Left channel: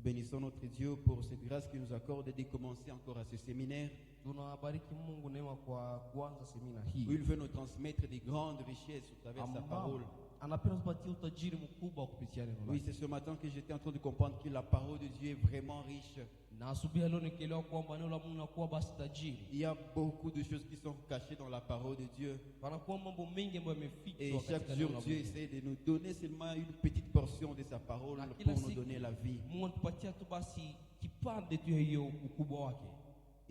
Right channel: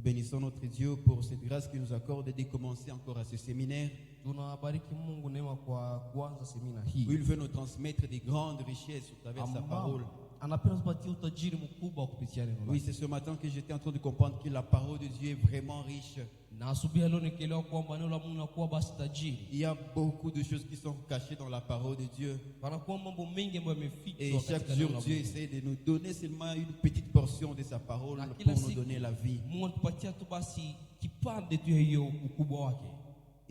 Nous bénissons notre Dieu pour cette grâce qu'il nous accorde de commencer encore à ce séminaire. Tunabariki Mungu neema kwa kuanza semina Où hii. il veut nous transmettre des grandes richesses au travers de sa parole. Anapenda tupatie utajiri mkubwa kupitia neno Oui, lake. c'est ce matin que j'étais en train de comprendre que la parole de Dieu est vraiment riche. Na asubuhi leo nikielewa kwamba neno la Mungu linakuwa basi tajiri. Il y a beaucoup de choses qui sont cachées dans la parole de Dieu. Panakuwa mambo mengi ambayo Et yamefichwa chaque katika jour, neno la Dieu Mungu. essaie de nous donner seulement une petite portion de sa parole Na pour kila nous siku donner la vie. Mungu anatupatia tu basi kipande tu ya hiyo ukubwa wake.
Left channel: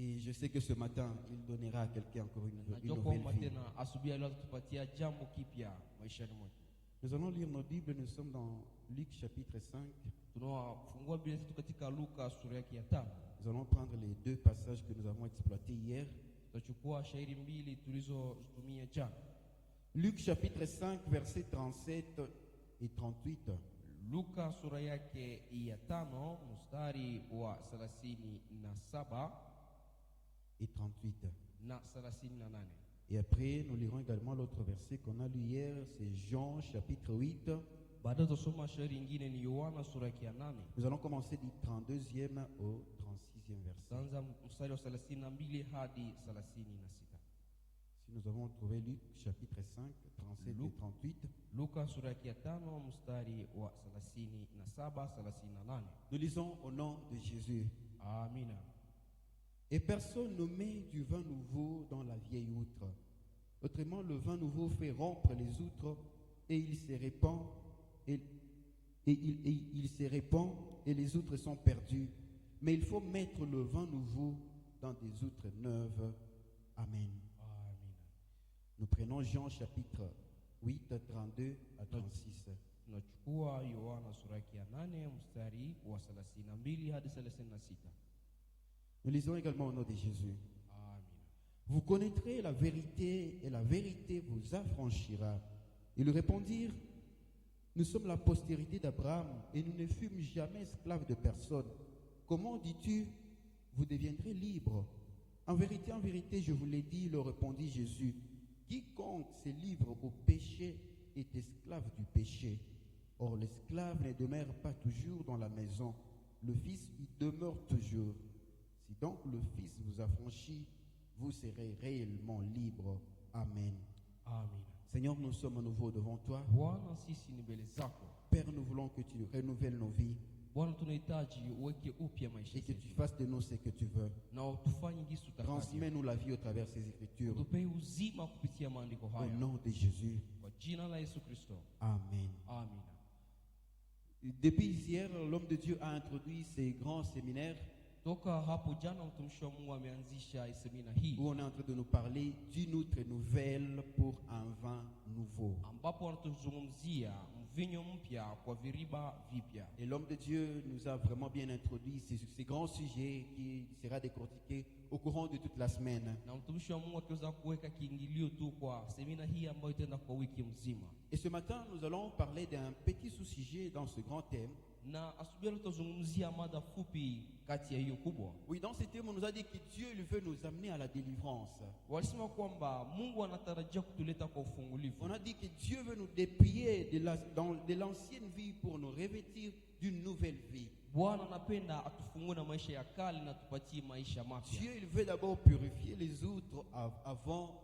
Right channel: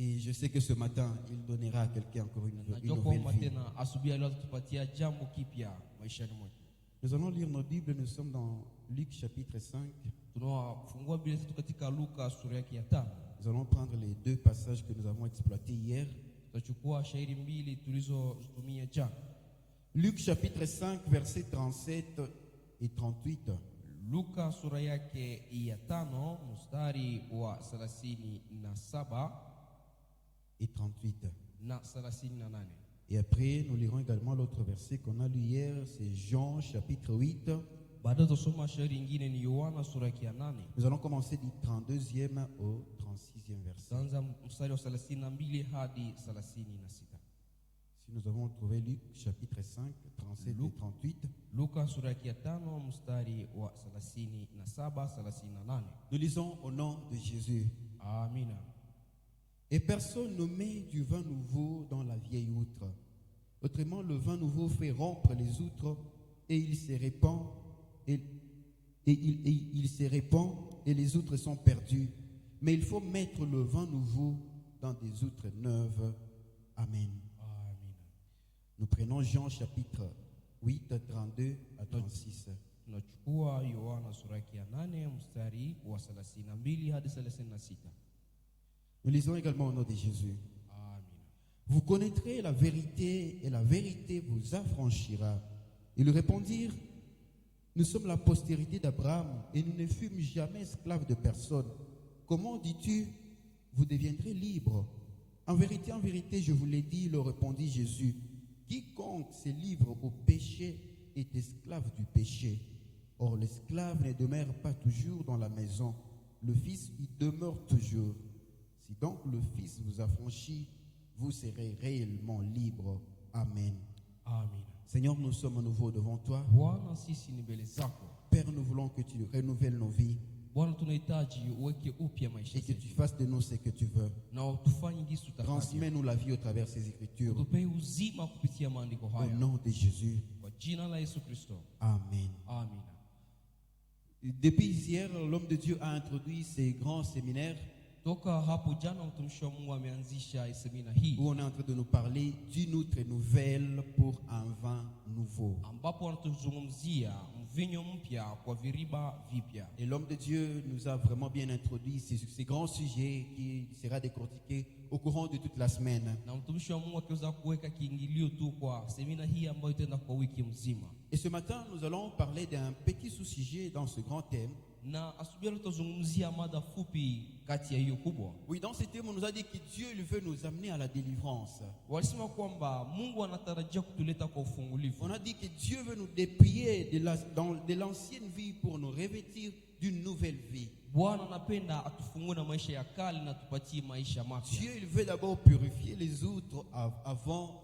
Et je sais que ce matin, il donnera à quelqu'un encore une Najua nouvelle kwamba vie. tena asubuhi leo atatupatia jambo kipya maishani mwetu. Nous allons lire nos Bibles. Nous sommes dans Luc chapitre 5. Tunafungua Biblia zetu katika Luka sura yake ya 5. Nous allons prendre les deux passages que nous avons exploités hier. Tutachukua shairi mbili tulizozitumia jana. Luc chapitre 5, versets 37 et 38. Luka sura yake ya 5 mstari wa 37 Et 38. na 38. Et après, nous lirons également l'autre verset qu'on a lu hier, c'est Jean chapitre 8. Baada tusoma shairi nyingine ni Yohana sura yake ya 8. Nous allons commencer du 32e au 36e verset. Tutaanza mstari wa 32 hadi 36. Si nous avons trouvé Luc chapitre 5, 37 et 38. Luka sura yake ya 5 mstari wa 37 38. Nous lisons au nom de Jésus. Amina. Et personne ne met du vin nouveau dans la vieille outre. Autrement, le vin nouveau fait rompre les outres et il se répand il se répand et les outres sont perdues. Mais il faut mettre le vin nouveau dans des outres neuves. Amen. Amina. Nous prenons Jean chapitre 8, 32 à 36. Tunachukua Yohana sura yake ya 8 mstari wa 32 hadi 36. Nous lisons également au nom de Jésus. Amina. Vous connaîtrez la vérité et la vérité vous affranchira. Ils répondirent, nous sommes la postérité d'Abraham et nous ne fûmes jamais esclaves de personne. Comment dis-tu, vous deviendrez libres? En vérité, je vous l'ai dit, leur répondit Jésus. Quiconque se livre au péché est esclave du péché. Or, l'esclave ne demeure pas toujours dans la maison. Le Fils y demeure toujours. Si donc le Fils vous affranchit, vous serez réellement libres. Amen. Amina. Seigneur, nous sommes à nouveau devant toi. Bwana, sisi ni mbele zako. Père, nous voulons que tu renouvelles nos vies Bwana, tunahitaji uweke upya maisha et que yetu tu fasses de nous ce que tu veux. na utufanye jinsi utakavyo. Transmets-nous la vie au travers de ces écritures. Utupe uzima kupitia maandiko Au haya nom de Jésus. kwa jina la Yesu Kristo. Amen. Amina. Depuis hier, l'homme de Dieu a introduit ces grands séminaires Toka hapo jana mtumishi wa Mungu ameanzisha semina hii où on est en train de nous parler d'une autre nouvelle pour un vin nouveau. ambapo wanatuzungumzia mvinyo mpya kwa viriba vipya. Et l'homme de Dieu nous a vraiment bien introduit ces grands sujets qui sera décortiqué au courant de toute la semaine. Na mtumishi wa Mungu akiweza kuweka kiingilio tu kwa semina hii ambayo itaenda kwa wiki mzima. Et ce matin, nous allons parler d'un petit sous-sujet dans ce grand thème. Na asubuhi tutazungumzia mada fupi kati ya hiyo kubwa. Oui, dans ce thème, on nous a dit que Dieu il veut nous amener à la délivrance. Walisema kwamba Mungu anatarajia kutuleta kwa ufungulivu. On a dit que Dieu veut nous dépouiller de l'ancienne vie pour nous revêtir d'une nouvelle vie. Bwana anapenda atufungue na maisha ya kale na tupatie maisha mapya. Dieu il veut d'abord purifier les outres avant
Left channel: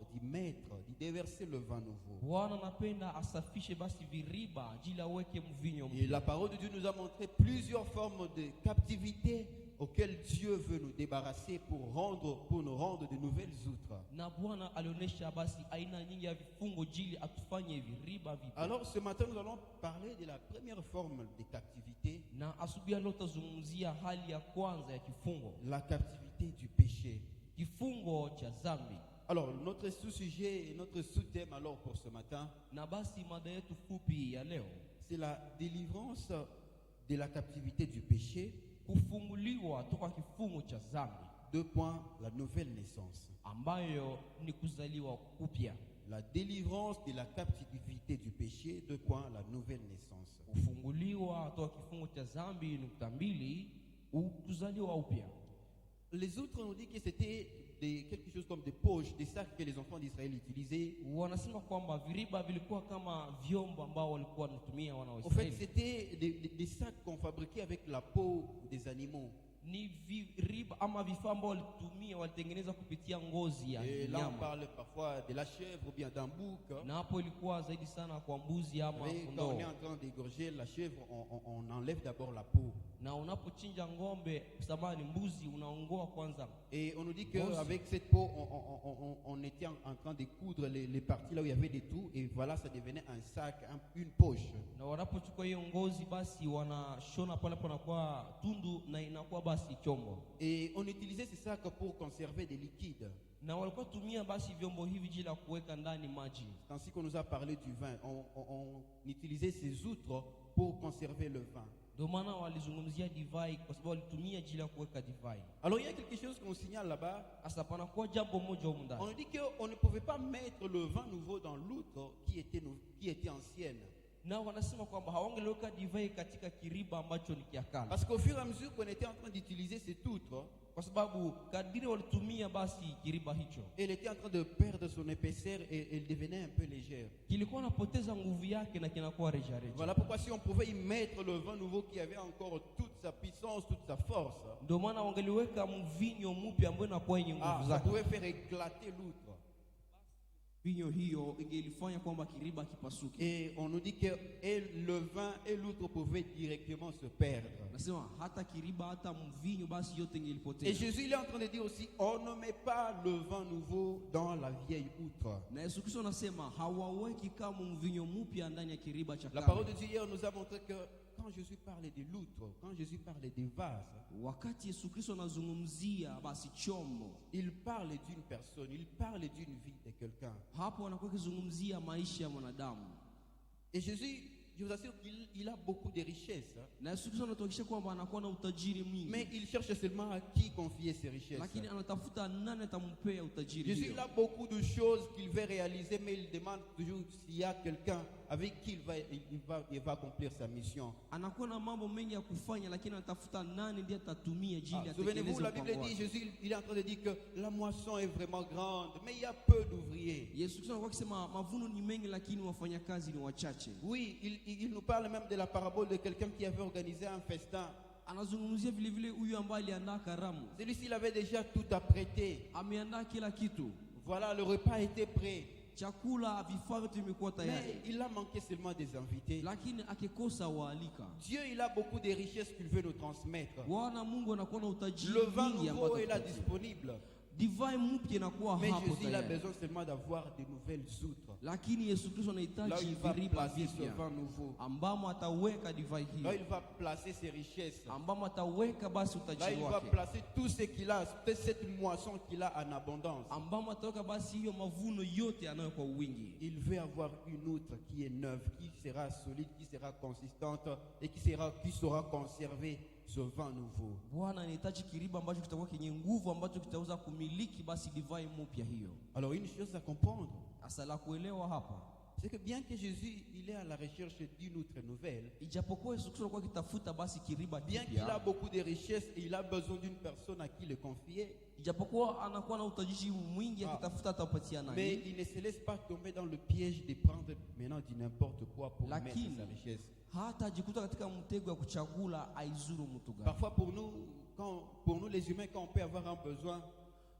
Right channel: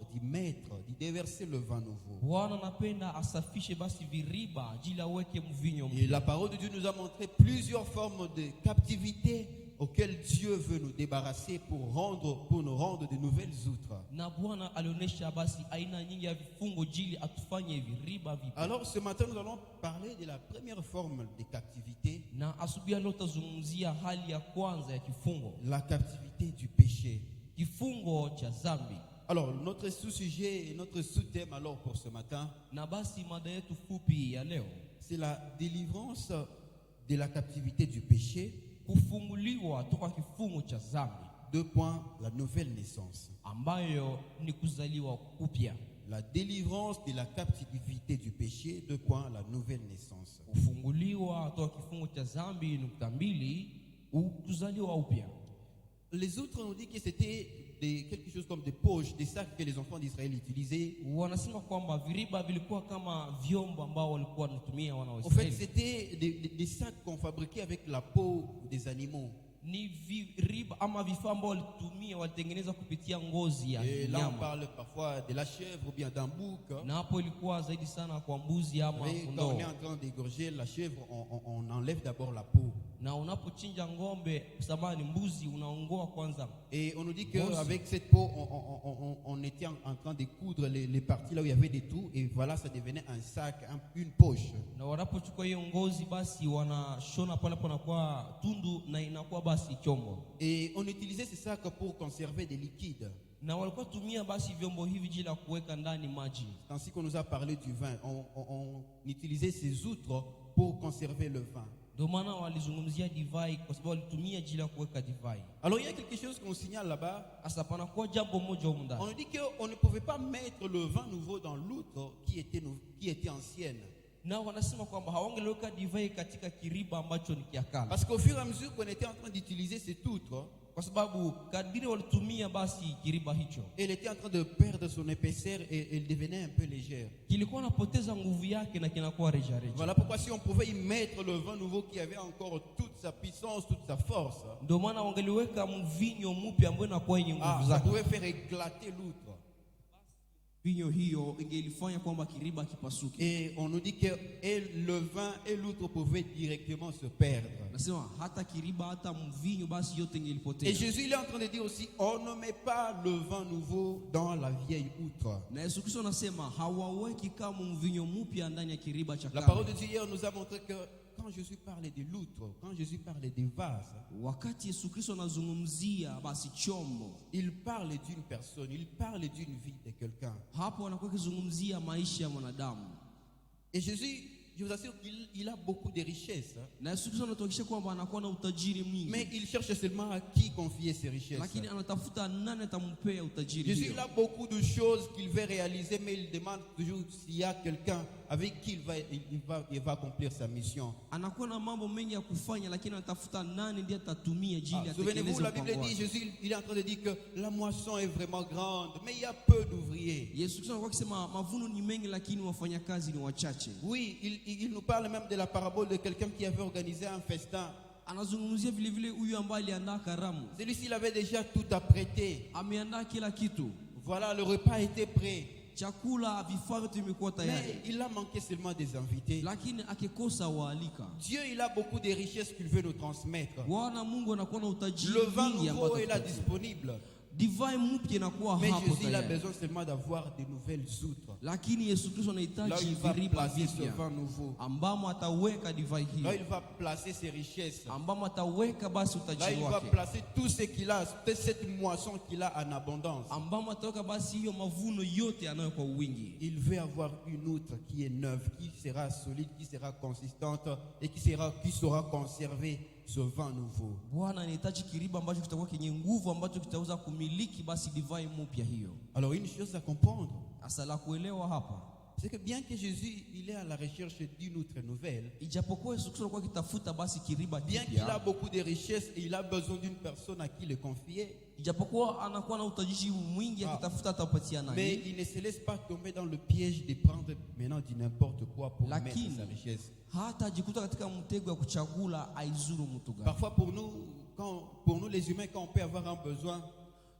d'y déverser le vin nouveau. Bwana anapenda asafishe basi viriba ajili aweke mvinyo Et la parole de Dieu nous a montré plusieurs formes de captivité auxquelles Dieu veut nous débarrasser pour nous rendre de nouvelles outres. Na Bwana alionyesha basi aina nyingi ya vifungo jili atufanye viriba vipya. Alors ce matin nous allons parler de la première forme de captivité, Na asubuhi leo tutazungumzia hali ya kwanza ya kifungo, la captivité du péché. kifungo cha dhambi. Alors notre sous-sujet et notre sous-thème alors pour ce matin, Na basi mada yetu fupi ya leo, c'est la délivrance de la captivité du péché. kufunguliwa toka kifungo cha dhambi. 2 points, la nouvelle naissance. Ambayo ni kuzaliwa upya. La délivrance de la captivité du péché, 2 points, la nouvelle naissance. Kufunguliwa toka kifungo cha dhambi, nukta mbili, kuzaliwa upya. Les autres nous disent que c'était quelque chose comme des poches, des sacs que les enfants d'Israël utilisaient. Wanasema kwamba viriba vilikuwa kama vyombo ambao walikuwa wanatumia wana wa En fait, Israeli. c'était des sacs qu'on fabriquait avec la peau des animaux. Ni viriba ama vifaa ambao walitumia walitengeneza kupitia ngozi ya Et là, on nyama. parle parfois de la chèvre ou bien d'un bouc. Na hapo ilikuwa zaidi sana kwa mbuzi ama Et quand kondoo. on est en train d'égorger la chèvre, on enlève d'abord la peau. Na unapochinja ng'ombe, samani mbuzi, unaongoa kwanza. Et on nous dit qu'avec cette peau, on était en train de coudre les parties là où il y avait des trous. Et voilà, ça devenait un sac, une poche. Na wanapochukua hiyo ngozi basi wanashona pale panakuwa tundu na inakuwa basi chombo. Et on utilisait ces sacs pour conserver des liquides. Na walikuwa tumia basi vyombo hivi jila kuweka ndani maji. C'est ainsi qu'on nous a parlé du vin. On utilisait ces outres pour conserver le vin. Ndio maana walizungumzia divai kwa sababu walitumia jila kuweka divai. Alors il y a quelque chose qu'on signale là-bas. Asa panakuwa jambo moja huko ndani. On nous dit qu'on ne pouvait pas mettre le vin nouveau dans l'outre qui était ancienne. Na wanasema kwamba hawangeliweka divai katika kiriba ambacho ni kiakala. Parce qu'au fur et à mesure qu'on était en train d'utiliser cette outre, Kwa sababu kadiri walitumia basi kiriba hicho, elle était en train de perdre son épaisseur et elle devenait un peu légère. kilikuwa napoteza nguvu yake na kinakuwa rejareja. Voilà pourquoi si on pouvait y mettre le vin nouveau qui avait encore toute sa puissance, toute sa force, Ndio maana wangeliweka mvinyo mpya ambao inakuwa yenye nguvu ça zake. pouvait faire éclater l'outre. Vinyo hiyo ingelifanya kwamba kiriba kipasuke. Et on nous dit que le vin et l'outre pouvaient directement se perdre. Nasema hata kiriba hata mvinyo basi yote Et ingelipotea. Jésus il est en train de dire aussi, on ne met pas le vin nouveau dans la vieille outre. Na Yesu Kristo anasema hawaweki kama mvinyo mpya ndani ya kiriba cha La kale. parole de Dieu hier nous a montré que quand Jésus parlait de l'outre, quand Jésus parlait des vases, Wakati Yesu Kristo anazungumzia basi chombo, il parle d'une personne, il parle d'une vie de quelqu'un. hapo anakuwa akizungumzia maisha ya mwanadamu. Et Jésus, je vous assure qu'il a beaucoup de richesses, Na Yesu Kristo anatuhakikishia kwamba anakuwa na utajiri mwingi. mais il cherche seulement à qui confier ses richesses. Lakini anatafuta nani atampea utajiri Jésus hiyo. il a beaucoup de choses qu'il veut réaliser, mais il demande toujours s'il y a quelqu'un avec qui il va accomplir sa mission. Anakuwa na mambo mengi ya kufanya, lakini anatafuta nani ndiye atatumia jili Souvenez-vous, atekeleze la Bible mpango dit, wake. Jésus il est en train de dire que la moisson est vraiment grande, mais il y a peu d'ouvriers. Yesu Kristo anakuwa akisema mavuno ni mengi lakini wafanyakazi ni wachache. Oui, il nous parle même de la parabole de quelqu'un qui avait organisé un festin. Anazungumzia vile vile huyu ambaye aliandaa karamu. Celui-ci il avait déjà tout apprêté. Ameandaa kila kitu. Voilà, le repas était prêt. Chakula, vifaa vyote vimekuwa Mais tayari. il a manqué seulement des invités. Lakini akikosa waalika. Dieu, il a beaucoup de richesses qu'il veut nous transmettre. Bwana Mungu anakuwa na utajiri Le vin mwingi nouveau ambao est là atatupatia. disponible. Divai mpya inakuwa Mais hapo Jésus il a tayari. besoin seulement d'avoir de nouvelles outres. Lakini Yesu Kristo Là où anahitaji il va viriba placer ce vipya vin nouveau. ambamo ataweka divai Là où hiyo, il va placer ses richesses. ambamo ataweka basi Là utajiri il va wake, placer tout ce qu'il a, toute cette moisson qu'il a en abondance. ambamo ataweka basi hiyo mavuno yote anayo kwa wingi. Il veut avoir une outre qui est neuve, qui sera solide, qui sera consistante et qui saura conserver ce vin nouveau. Bwana anahitaji kiriba ambacho kitakuwa kenye nguvu, ambacho kitaweza kumiliki basi divai mpya hiyo. Alors une chose à comprendre, Hasa la kuelewa hapa, c'est que bien que Jésus il est à la recherche d'une outre nouvelle, ijapokuwa Yesu Kristo alikuwa akitafuta basi kiriba bien qu'il a kipya, beaucoup de richesses et il a besoin d'une personne à qui le confier, ijapokuwa anakuwa na utajiri mwingi akitafuta atapatia mais nani, il ne se laisse pas tomber dans le piège de prendre maintenant du n'importe quoi pour mettre lakini sa richesse. hata ajikuta katika mtego ya kuchagula aizuru mtu gani. Parfois pour nous les humains, quand on peut avoir un besoin,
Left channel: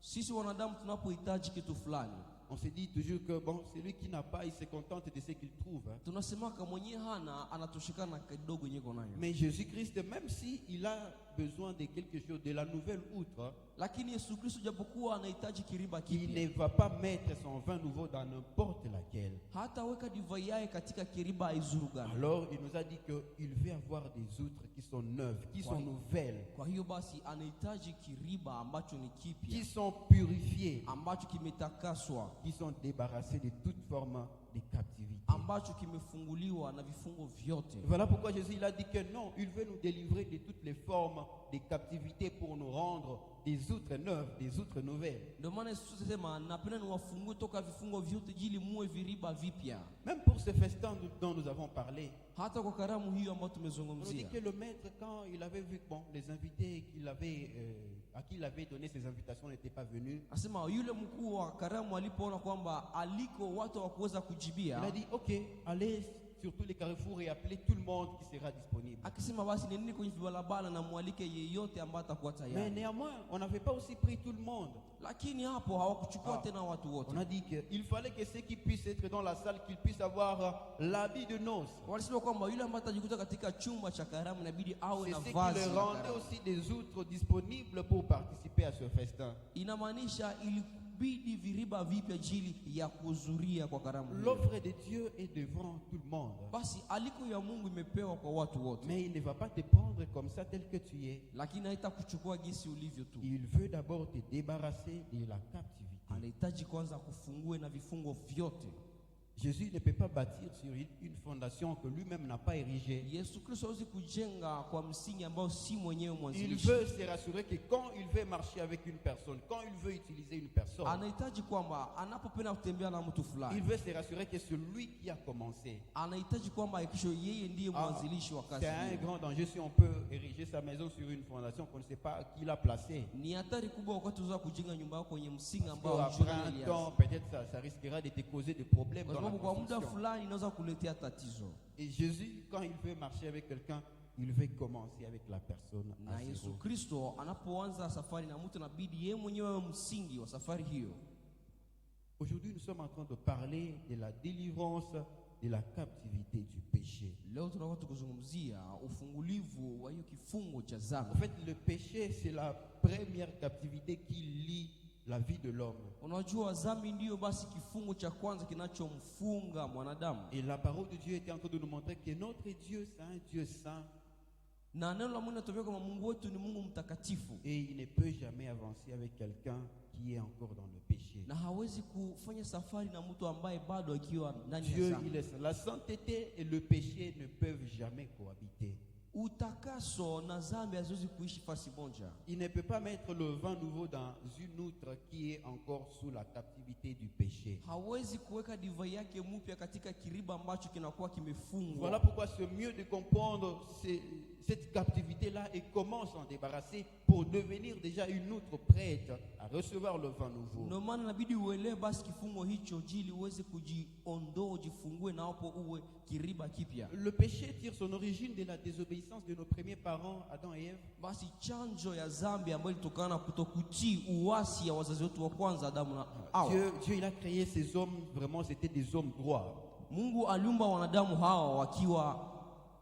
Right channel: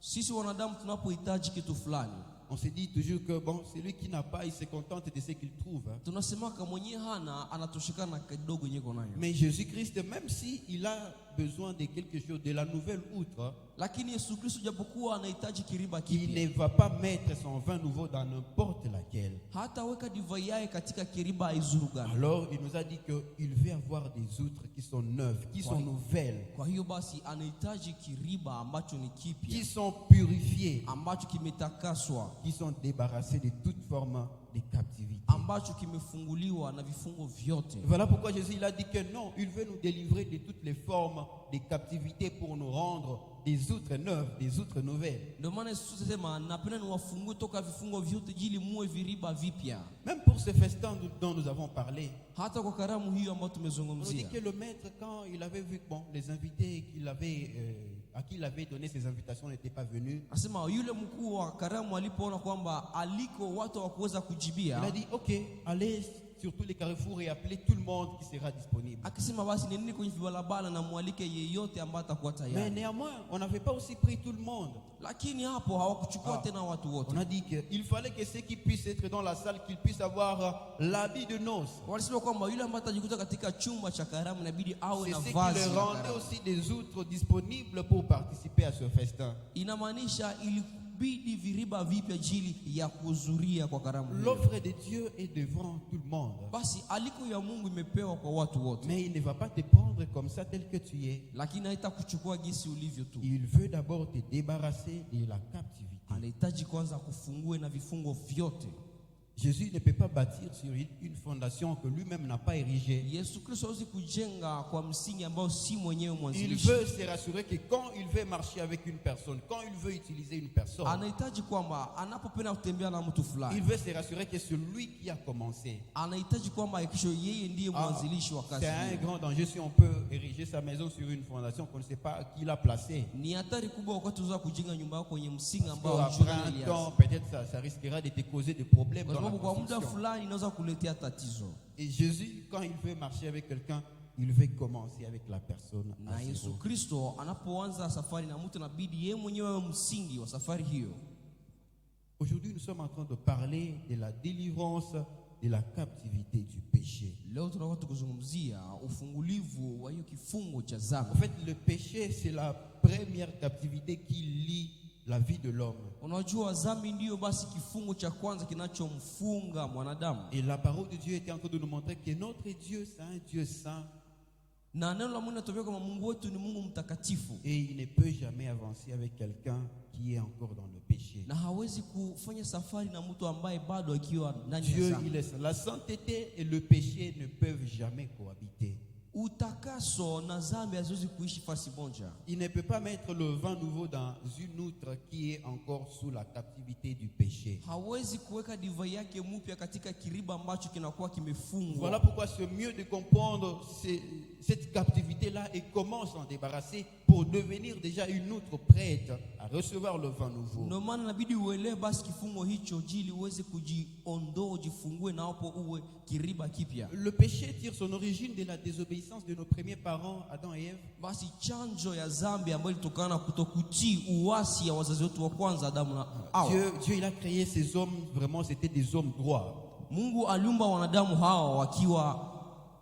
Sisi wanadamu tunapohitaji kitu fulani, on se dit toujours que bon, celui qui n'a pas, il se contente de ce qu'il trouve. tunasemaka mwenye hana anatoshekana na kidogo nyeko nayo. Mais Jésus-Christ, même s'il a besoin de quelque chose, de la nouvelle outre, Lakini Yesu Kristo japokuwa anahitaji kiriba il kipya, ne va pas mettre son vin nouveau dans n'importe laquelle. hata weka divai yake katika kiriba aizuru gani. Alors il nous a dit qu'il veut avoir des outres qui sont neuves, qui sont nouvelles, Kwa hiyo basi anahitaji kiriba ambacho ni qui kipya, sont purifiées, ambacho kimetakaswa, qui sont débarrassées de toute forme de captivité. ambacho kimefunguliwa na vifungo vyote. Voilà pourquoi Jésus il a dit que non, il veut nous délivrer de toutes les formes de captivité pour nous rendre des outres neuves, des outres nouvelles. Ndio maana Yesu sema napenda niwafungue toka vifungo vyote ili muwe viriba vipya. Même pour ce festin dont nous avons parlé, Hata kwa karamu hiyo ambayo on nous dit tumezungumzia, que le maître, quand il avait vu bon, les invités qu'il avait à qui il avait donné ses invitations n'était pas venu, Asema yule mkuu wa karamu alipoona kwamba aliko watu hawakuweza il kujibia, a dit ok, allez sur tous les carrefours et appelez tout le monde qui sera disponible. akisema basi nini kwenye vibalabala na mwalike yeyote ambaye atakuwa Mais tayari. néanmoins, on n'avait pas aussi pris tout le monde. Lakini hapo hawakuchukua tena watu wote. On a dit qu'il fallait que ceux qui puissent être dans la salle, qu'ils puissent avoir l'habit de noces. Walisema kwamba yule ambaye atajikuta katika chumba cha karamu inabidi awe C'est na ce qui vazi leur la rendait karamu. aussi des outres disponibles pour participer à ce festin. Inamaanisha ilibidi viriba vipya ajili ya kuhudhuria kwa karamu hiyo. L'offre de Dieu est devant tout le monde. Basi aliko ya Mungu imepewa kwa watu wote. Mais il ne va pas te prendre comme ça tel que tu es. Lakini haitakuchukua jinsi ulivyo tu. Il veut d'abord te débarrasser de la captivité. Anahitaji kwanza kufungue na vifungo vyote. Jésus ne peut pas bâtir sur une fondation que lui-même n'a pas érigée. Yesu Kristo hawezi kujenga kwa msingi ambao si mwenyewe Il mwanzilishi. veut se rassurer que quand il veut marcher avec une personne, quand il veut utiliser une personne, Anahitaji kwamba anapopenda kutembea na mtu il fulani, veut se rassurer que celui qui a commencé. anahitaji kwamba hakikisho yeye ndiye mwanzilishi wa kazi C'est un hiyo. grand danger si on peut ériger sa maison sur une fondation qu'on ne sait pas qui l'a placée. Ni hatari kubwa wakati unaweza kujenga nyumba yako kwenye msingi ambao Après hujui un nani temps, alianza. peut-être ça risquera de te causer des problèmes Kwa dans la sababu kwa muda construction. fulani inaweza kuletea tatizo. Et Jésus, quand il veut marcher avec quelqu'un, il veut commencer avec la personne Na à Yesu zéro. Kristo anapoanza safari na mtu inabidi yeye mwenyewe awe msingi wa safari hiyo. Aujourd'hui, nous sommes en train de parler de la délivrance de la captivité du péché. Leo tunakuwa tukizungumzia ufungulivu wa hiyo kifungo cha dhambi. En fait, le péché, c'est la première captivité qui lie la vie de l'homme. Unajua dhambi ndiyo basi kifungo cha kwanza kinachomfunga mwanadamu. Et la parole de Dieu était en train de nous montrer que notre Dieu, c'est un Dieu saint. Na neno la Mungu linatuambia kwamba Mungu wetu ni Mungu mtakatifu. Et il ne peut jamais avancer avec quelqu'un qui est encore dans le péché. Na hawezi kufanya safari na mtu ambaye bado akiwa ndani ya Dieu, dhambi. il est saint. La sainteté et le péché ne peuvent jamais cohabiter. Utakaso na dhambi haziwezi kuishi fasi moja. Il ne peut pas mettre le vin nouveau dans une outre qui est encore sous la captivité du péché. Hawezi kuweka divai yake mpya katika kiriba ambacho kinakuwa kimefungwa. Voilà pourquoi c'est mieux de comprendre cette captivité-là et comment s'en débarrasser pour devenir déjà une outre prête à recevoir le vin nouveau. Ndio maana inabidi uelewe basi kifungo hicho ili uweze kujiondoa, ujifungue na hapo uwe kiriba kipya. Le péché tire son origine de la désobéissance de nos premiers parents, Adam et Ève. Basi chanjo ya dhambi ambayo ilitokana na kutokutii uasi ya wazazi wetu wa kwanza Adamu na Hawa. Dieu, il a créé ces hommes, vraiment c'était des hommes droits. Mungu aliumba wanadamu hawa wakiwa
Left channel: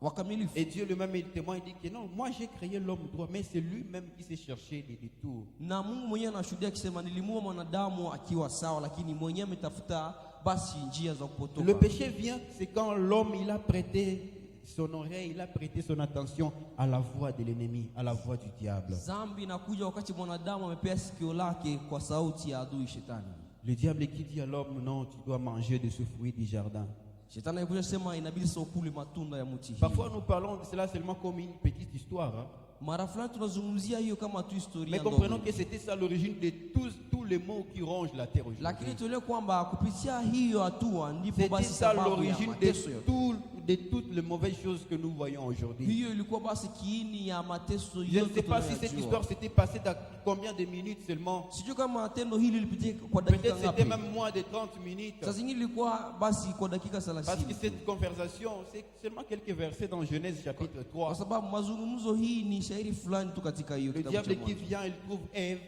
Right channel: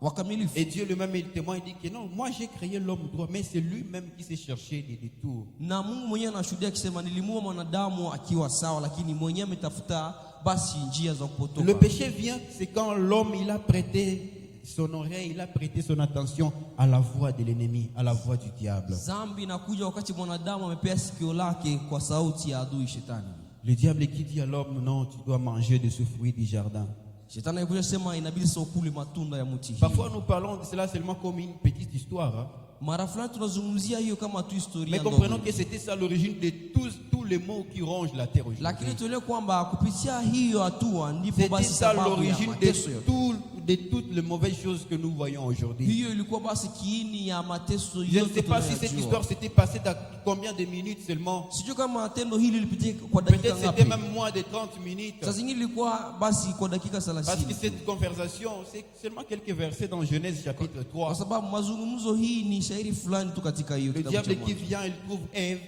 wakamilifu. Et Dieu lui-même il témoigne, il dit que non, moi j'ai créé l'homme droit, mais c'est lui-même qui s'est cherché des détours. Na Mungu mwenyewe anashuhudia akisema nilimuumba mwanadamu akiwa sawa, lakini mwenyewe ametafuta basi njia za kupotoka. Le péché vient, c'est quand l'homme il a prêté son oreille, il a prêté son attention à la voix de l'ennemi, à la voix du diable. Dhambi inakuja wakati mwanadamu amepea sikio lake kwa sauti ya adui shetani. Le diable qui dit à l'homme, non, tu dois manger de ce fruit du jardin. Shetani alikuja sema inabidi sio kule matunda ya mti hii. Parfois nous parlons de cela seulement comme une petite histoire. Hein? Mara fulani tunazungumzia hiyo kama tu historia Mais ndogo. comprenons que c'était ça l'origine de tous les maux qui rongent la terre Lakini aujourd'hui. tuelewe kwamba kupitia hiyo hatua ndipo C'était basi ça sababu ya l'origine mateso yote. de toutes les mauvaises choses que nous voyons aujourd'hui. Hiyo ilikuwa basi kiini ya mateso Je ne yote sais pas si cette tunayojua. histoire s'était passée dans combien de minutes seulement. Sijui kama tendo hili lilipitia kwa dakika Peut-être ngapi. c'était même moins de 30 minutes. Saa zingine ilikuwa basi kwa dakika Parce que 30. cette conversation, c'est seulement quelques versets dans Genèse chapitre 3. Kwa sababu mazungumzo hii ni shairi fulani tu katika hiyo Le kitabu cha diable qui Mwanzo. vient, il trouve Ève.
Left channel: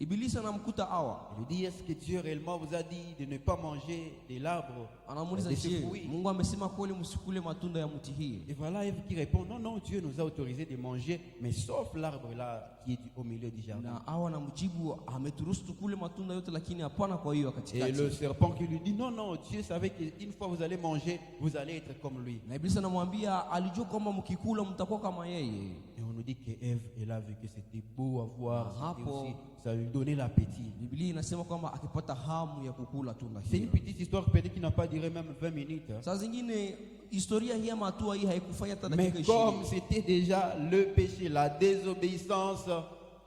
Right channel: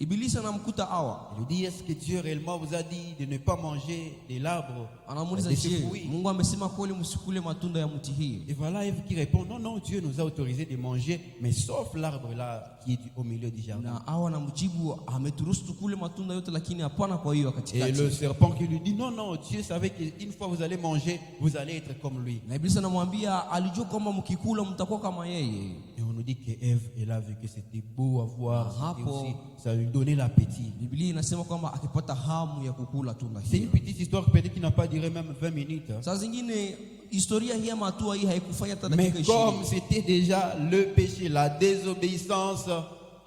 Ibilisi anamkuta Hawa. Il lui dit, est-ce que Dieu réellement vous a dit de ne pas manger de l'arbre, Anamuuliza, de ce je, fruit? Mungu amesema kweli msikule matunda ya mti hii? Et voilà Ève qui répond, non, non, Dieu nous a autorisé de manger, mais sauf l'arbre là qui est au milieu du jardin. Na Hawa anamjibu ameturuhusu tukule matunda yote lakini hapana kwa hiyo Et katikati. le serpent qui lui dit, non, non, Dieu savait qu'une fois vous allez manger, vous allez être comme lui. Na Ibilisi anamwambia alijua kwamba mkikula mtakuwa kama yeye. Et on nous dit que Ève, elle a vu que c'était beau à voir, Ah, c'était hapo. aussi, ça lui donnait l'appétit. Biblia inasema kwamba akipata hamu ya kukula tunda C'est une hiyo. petite histoire peut-être qui n'a pas duré même 20 minutes. Hein. Saa zingine historia hii ama hatua hii haikufanya hata Mais dakika comme 20. c'était déjà le péché, la désobéissance,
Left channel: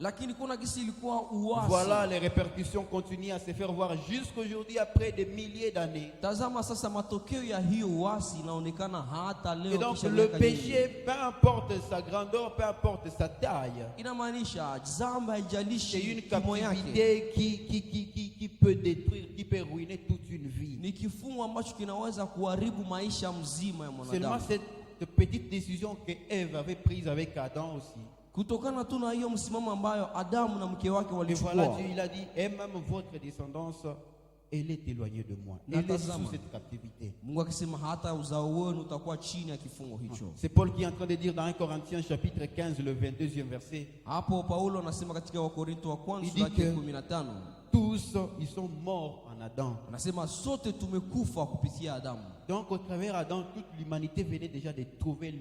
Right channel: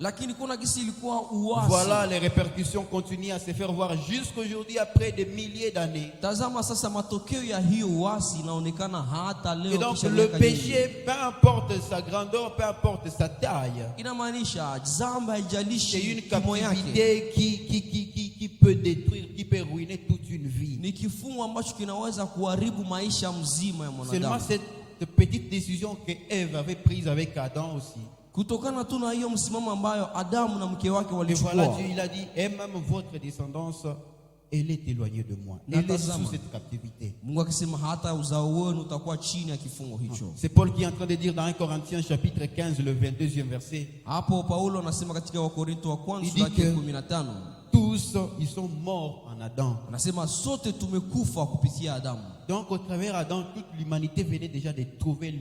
lakini kuna kisi ilikuwa uasi. Voilà, les répercussions continuent à se faire voir jusqu'aujourd'hui après des milliers d'années. Tazama sasa matokeo ya hiyo uasi inaonekana hata leo. Et donc kisha le miaka nyingi. péché, peu importe sa grandeur, peu importe sa taille, Inamaanisha dhambi c'est haijalishi une kimo yake. captivité qui peut détruire, qui peut ruiner toute une vie. Ni kifungo ambacho kinaweza kuharibu maisha mzima ya Seulement mwanadamu. cette petite décision que Ève avait prise avec Adam aussi. Kutokana tu na hiyo msimamo ambayo Adamu na mke wake Et voilà, walichukua. Dieu il a dit, et même votre descendance, elle est éloignée de moi. Elle est sous cette captivité. Mungu akisema hata uzao wenu utakuwa chini ya kifungo hicho. C'est Paul qui est en train de dire dans 1 Corinthiens chapitre 15, le 22e verset. Hapo Paulo anasema katika Wakorintho wa kwanza Il sura dit ya que 15. tous, ils sont morts en Adam. Anasema sote tumekufa kupitia Adamu. Donc au travers d'Adam, toute l'humanité venait déjà de trouver,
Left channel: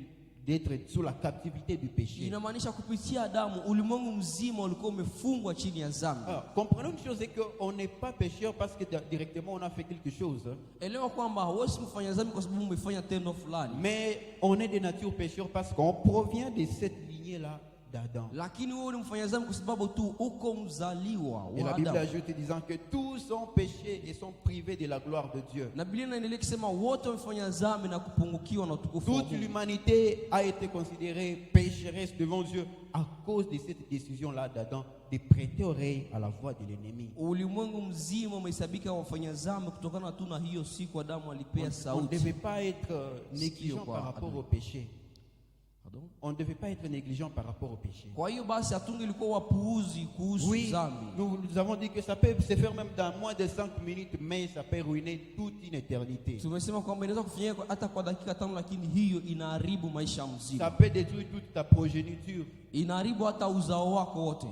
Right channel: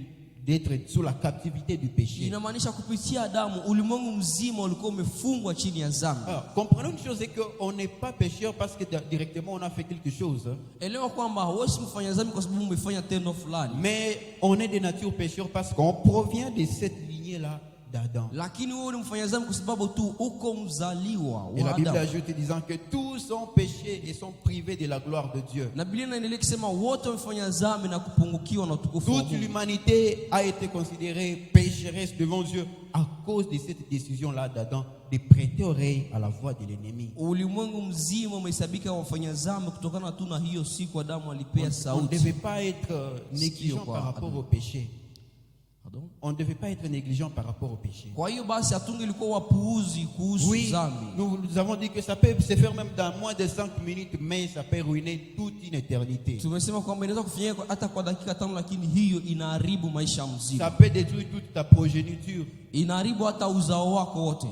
d'être sous la captivité du péché. Inamaanisha kupitia Adamu ulimwengu mzima ulikuwa umefungwa chini ya dhambi. Alors, comprenons une chose, c'est qu'on n'est pas pécheur parce que directement on a fait quelque chose. Elewa kwamba huwezi mfanya dhambi kwa sababu umefanya tendo fulani. Mais on est de nature pécheur parce qu'on provient de cette lignée-là d'Adam. Lakini wewe unamfanya dhambi kwa sababu tu uko mzaliwa Et la wa Bible Adamu. ajoute disant que tous ont péché et sont privés de la gloire de Dieu. Na Biblia inaendelea kusema wote wamefanya dhambi na kupungukiwa na utukufu wa Toute Mungu. l'humanité a été considérée pécheresse devant Dieu à cause de cette décision-là d'Adam de prêter oreille à la voix de l'ennemi. Ulimwengu mzima umehesabika wafanya dhambi kutokana tu na hiyo siku Adamu alipea On ne sauti. devait pas être négligent par rapport au péché. Pardon? On ne devait pas être négligent par rapport au péché. Kwa hiyo basi hatungelikuwa wapuuzi kuhusu Oui, dhambi. nous avons dit que ça peut se faire même dans moins de 5 minutes, mais ça peut ruiner toute une éternité. Tumesema kwamba inaweza kufanyika hata kwa dakika 5, lakini hiyo inaharibu maisha mzima. Ça peut détruire toute ta progéniture. Inaharibu hata uzao wako wote.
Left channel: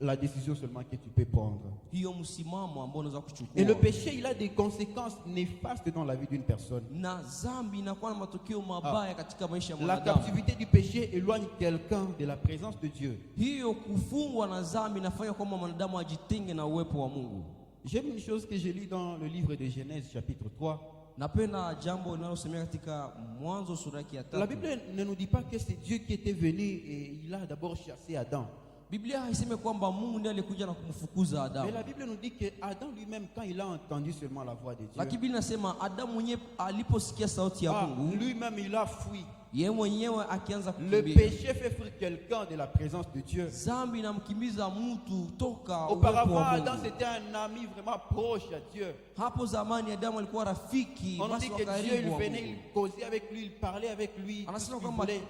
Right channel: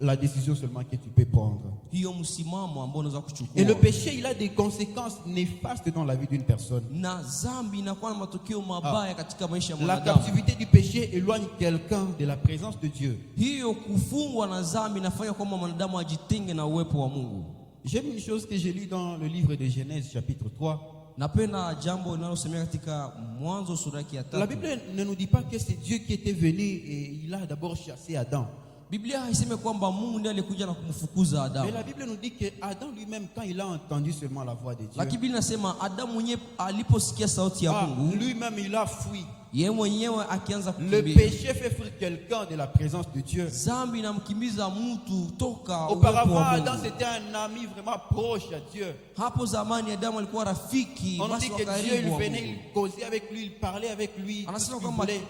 La décision seulement que tu peux prendre. Hiyo msimamo ambao unaweza Et le kuchukua. péché, il a des conséquences néfastes dans la vie d'une personne. Na dhambi inakuwa na matokeo mabaya katika maisha ya La mwanadamu. captivité du péché éloigne quelqu'un de la présence de Dieu. Hiyo kufungwa na dhambi inafanya kwamba mwanadamu ajitenge na uwepo wa Mungu. J'aime une chose que j'ai lue dans le livre de Genèse chapitre 3. Napenda jambo linalosemea katika Mwanzo sura yake ya La 3. Bible ne nous dit pas que c'est Dieu qui était venu et il a d'abord chassé Adam. Biblia haisemi kwamba Mungu ndiye alikuja na kumfukuza Mais Adamu. la Bible nous dit que Adam lui-même, quand il a entendu seulement la voix de Dieu, Lakini Biblia inasema Adamu mwenyewe aliposikia sauti ya Mungu, lui-même il a fui. yeye mwenyewe akianza Le kukimbia. péché fait fuir quelqu'un de la présence de Dieu. Dhambi inamkimbiza mtu toka uwepo Auparavant, wa Adam Mungu. c'était un ami vraiment proche à Dieu. Hapo zamani Adamu alikuwa rafiki On nous basi dit wa que Dieu karibu il wa venait, Mungu. il causait avec lui, il parlait avec lui. Tout ce Anasema qu'il kwamba voulait.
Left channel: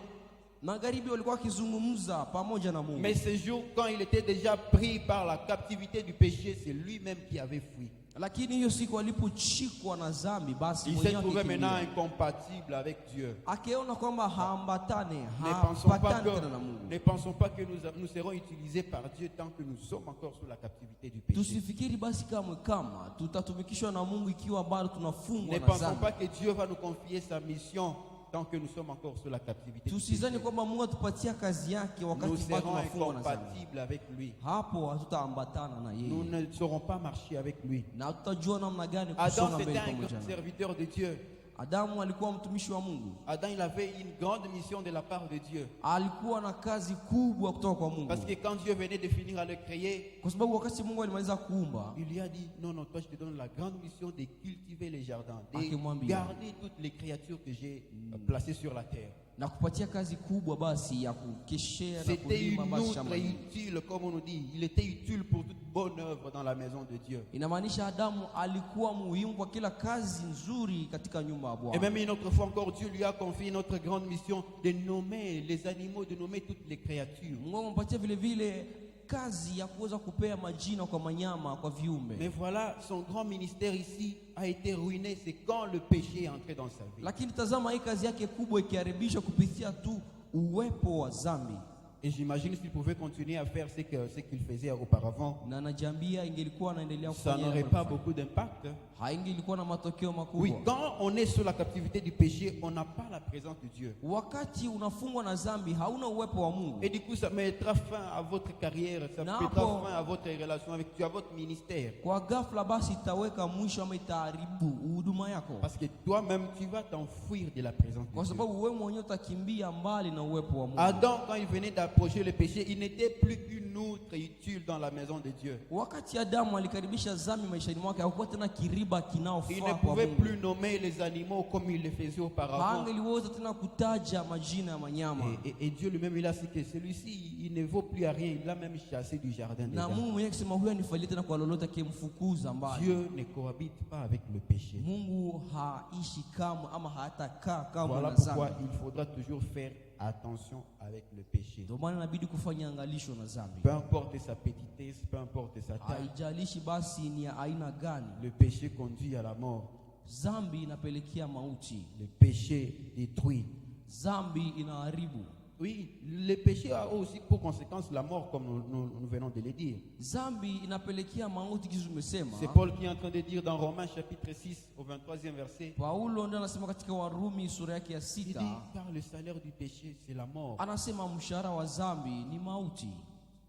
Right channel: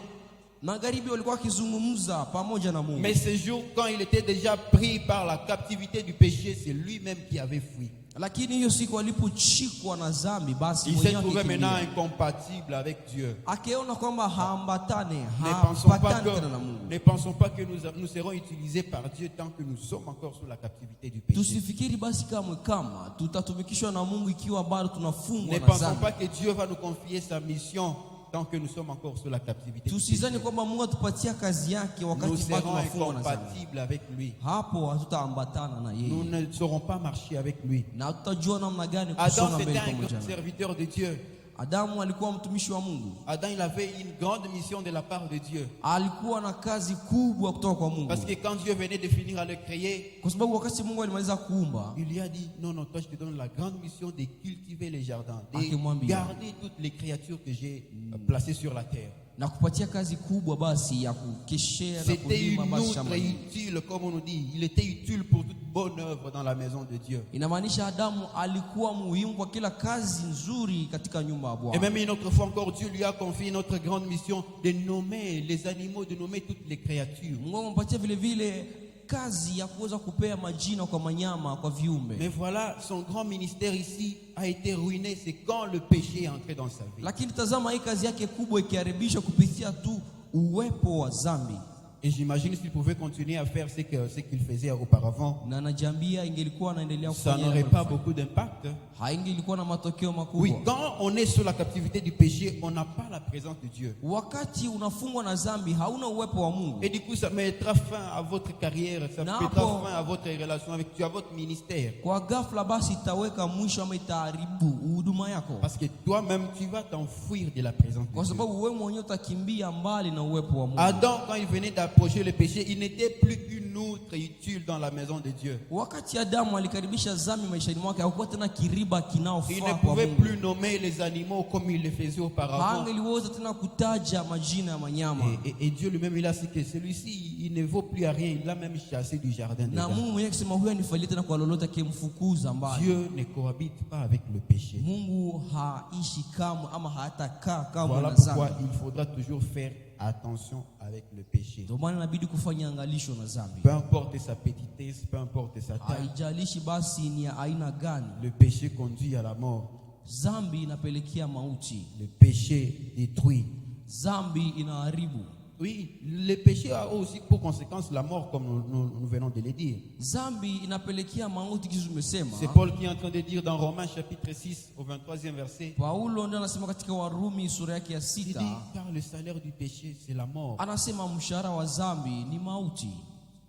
magharibi walikuwa wakizungumza pamoja na Mungu. Mais ce jour, quand il était déjà pris par la captivité du péché, c'est lui-même qui avait fui. Lakini hiyo siku alipochikwa na dhambi, basi Il s'est mwenyewe trouvé maintenant akikimbia. incompatible avec Dieu. Akiona kwamba haambatane, Ne pensons pas que nous serons utilisés par Dieu tant que nous sommes encore sous la captivité du péché. Tusifikiri basi kama tutatumikishwa na Mungu ikiwa bado tunafungwa Ne na pensons dhambi. pas que Dieu va nous confier sa mission tant que nous sommes encore sous la captivité du péché. Tusizani kwamba Mungu atupatia kazi yake Nous wakati bado serons tunafungwa na dhambi. incompatibles avec lui. Hapo hatutaambatana na Nous yeye. ne saurons pas marcher avec lui. Na tutajua namna gani Adam, kusonga c'était mbele un pamoja grand naye. serviteur de Dieu. Adamu alikuwa mtumishi wa Mungu. Adam, il avait une grande mission de la part de Dieu. Alikuwa na kazi kubwa kutoka kwa Mungu. Parce que quand Dieu venait de finir à le créer, Kwa sababu wakati Mungu alimaliza kuumba, il lui a dit, non, non, toi je te donne la grande mission de cultiver les jardins, de Akimwambia. garder toutes les créatures que j'ai placées sur la terre. na kupatia kazi kubwa basi ya kukeshea na C'était kulima une basi outre shamba hili. utile, comme on nous dit. Il était utile pour toute bonne œuvre dans la maison de Dieu. Inamaanisha Adamu alikuwa muhimu kwa kila kazi nzuri katika nyumba ya Et Bwana. même une autre fois encore, Dieu lui a confié notre grande mission de nommer les animaux, de nommer toutes les créatures. Mungu amempatia vile vile kazi ya kuweza kupea majina kwa manyama, kwa viumbe. Mais voilà, son grand ministère ici a été ruiné. C'est quand le péché est entré dans sa vie. Lakini tazama hii kazi yake kubwa ikiharibishwa kupitia tu uwepo wa dhambi. Et j'imagine s'il pouvait continuer à faire ce qu'il faisait auparavant, Na najiambia ingelikuwa anaendelea ça kufanya n'aurait yale pas manufaa. beaucoup d'impact. Haingelikuwa na matokeo makubwa. Oui, quand on est sous la captivité du péché, on n'a pas la présence de Dieu. Wakati unafungwa na dhambi hauna uwepo wa Mungu. Et du coup, ça mettra fin à votre carrière, ça Napo. mettra fin à votre relation avec Dieu, à votre ministère. Kwa ghafla basi itaweka mwisho ama itaharibu huduma yako. Parce que toi-même, tu vas t'enfuir de la présence de Kwa Dieu. sababu wewe mwenyewe utakimbia mbali na uwepo wa Mungu. Adam, quand il venait d'approcher le péché, il n'était plus qu'une une outre utile dans la maison de Dieu. Wakati Adamu alikaribisha dhambi maishani mwake, hakuwa tena kiriba Il kinaofaa ne kwa pouvait Mungu. plus nommer les animaux comme il le faisait auparavant. Hangeliweza tena kutaja majina ya wanyama. Et Dieu lui-même, il a dit que celui-ci, il ne vaut plus à rien. Il l'a même chassé du jardin Na d'Éden. Mungu mwenyewe akisema huyu anifalie tena kwa lolote, akimfukuza mbali. Dieu ne cohabite pas avec le péché. Mungu haishi kamwe ama hatakaa kamwe Voilà na pourquoi dhambi. il faudra toujours faire attention avec le péché. Ndio maana inabidi kufanya angalisho na dhambi. Peu importe sa petitesse, peu importe sa taille, Haijalishi basi ni ya aina gani. le péché conduit à la mort. Dhambi inapelekea mauti. Le péché détruit. Dhambi inaharibu. Oui, le péché a aussi pour conséquence la mort, comme nous venons de le dire. Dhambi inapelekea mauti, kizu tumesema. C'est Paul qui est en train de dire dans Romains chapitre 6 au 23e verset. Paulo ndio anasema katika Warumi sura yake ya Il dit, 6, car le salaire du péché, c'est la mort. anasema mshahara wa dhambi ni mauti.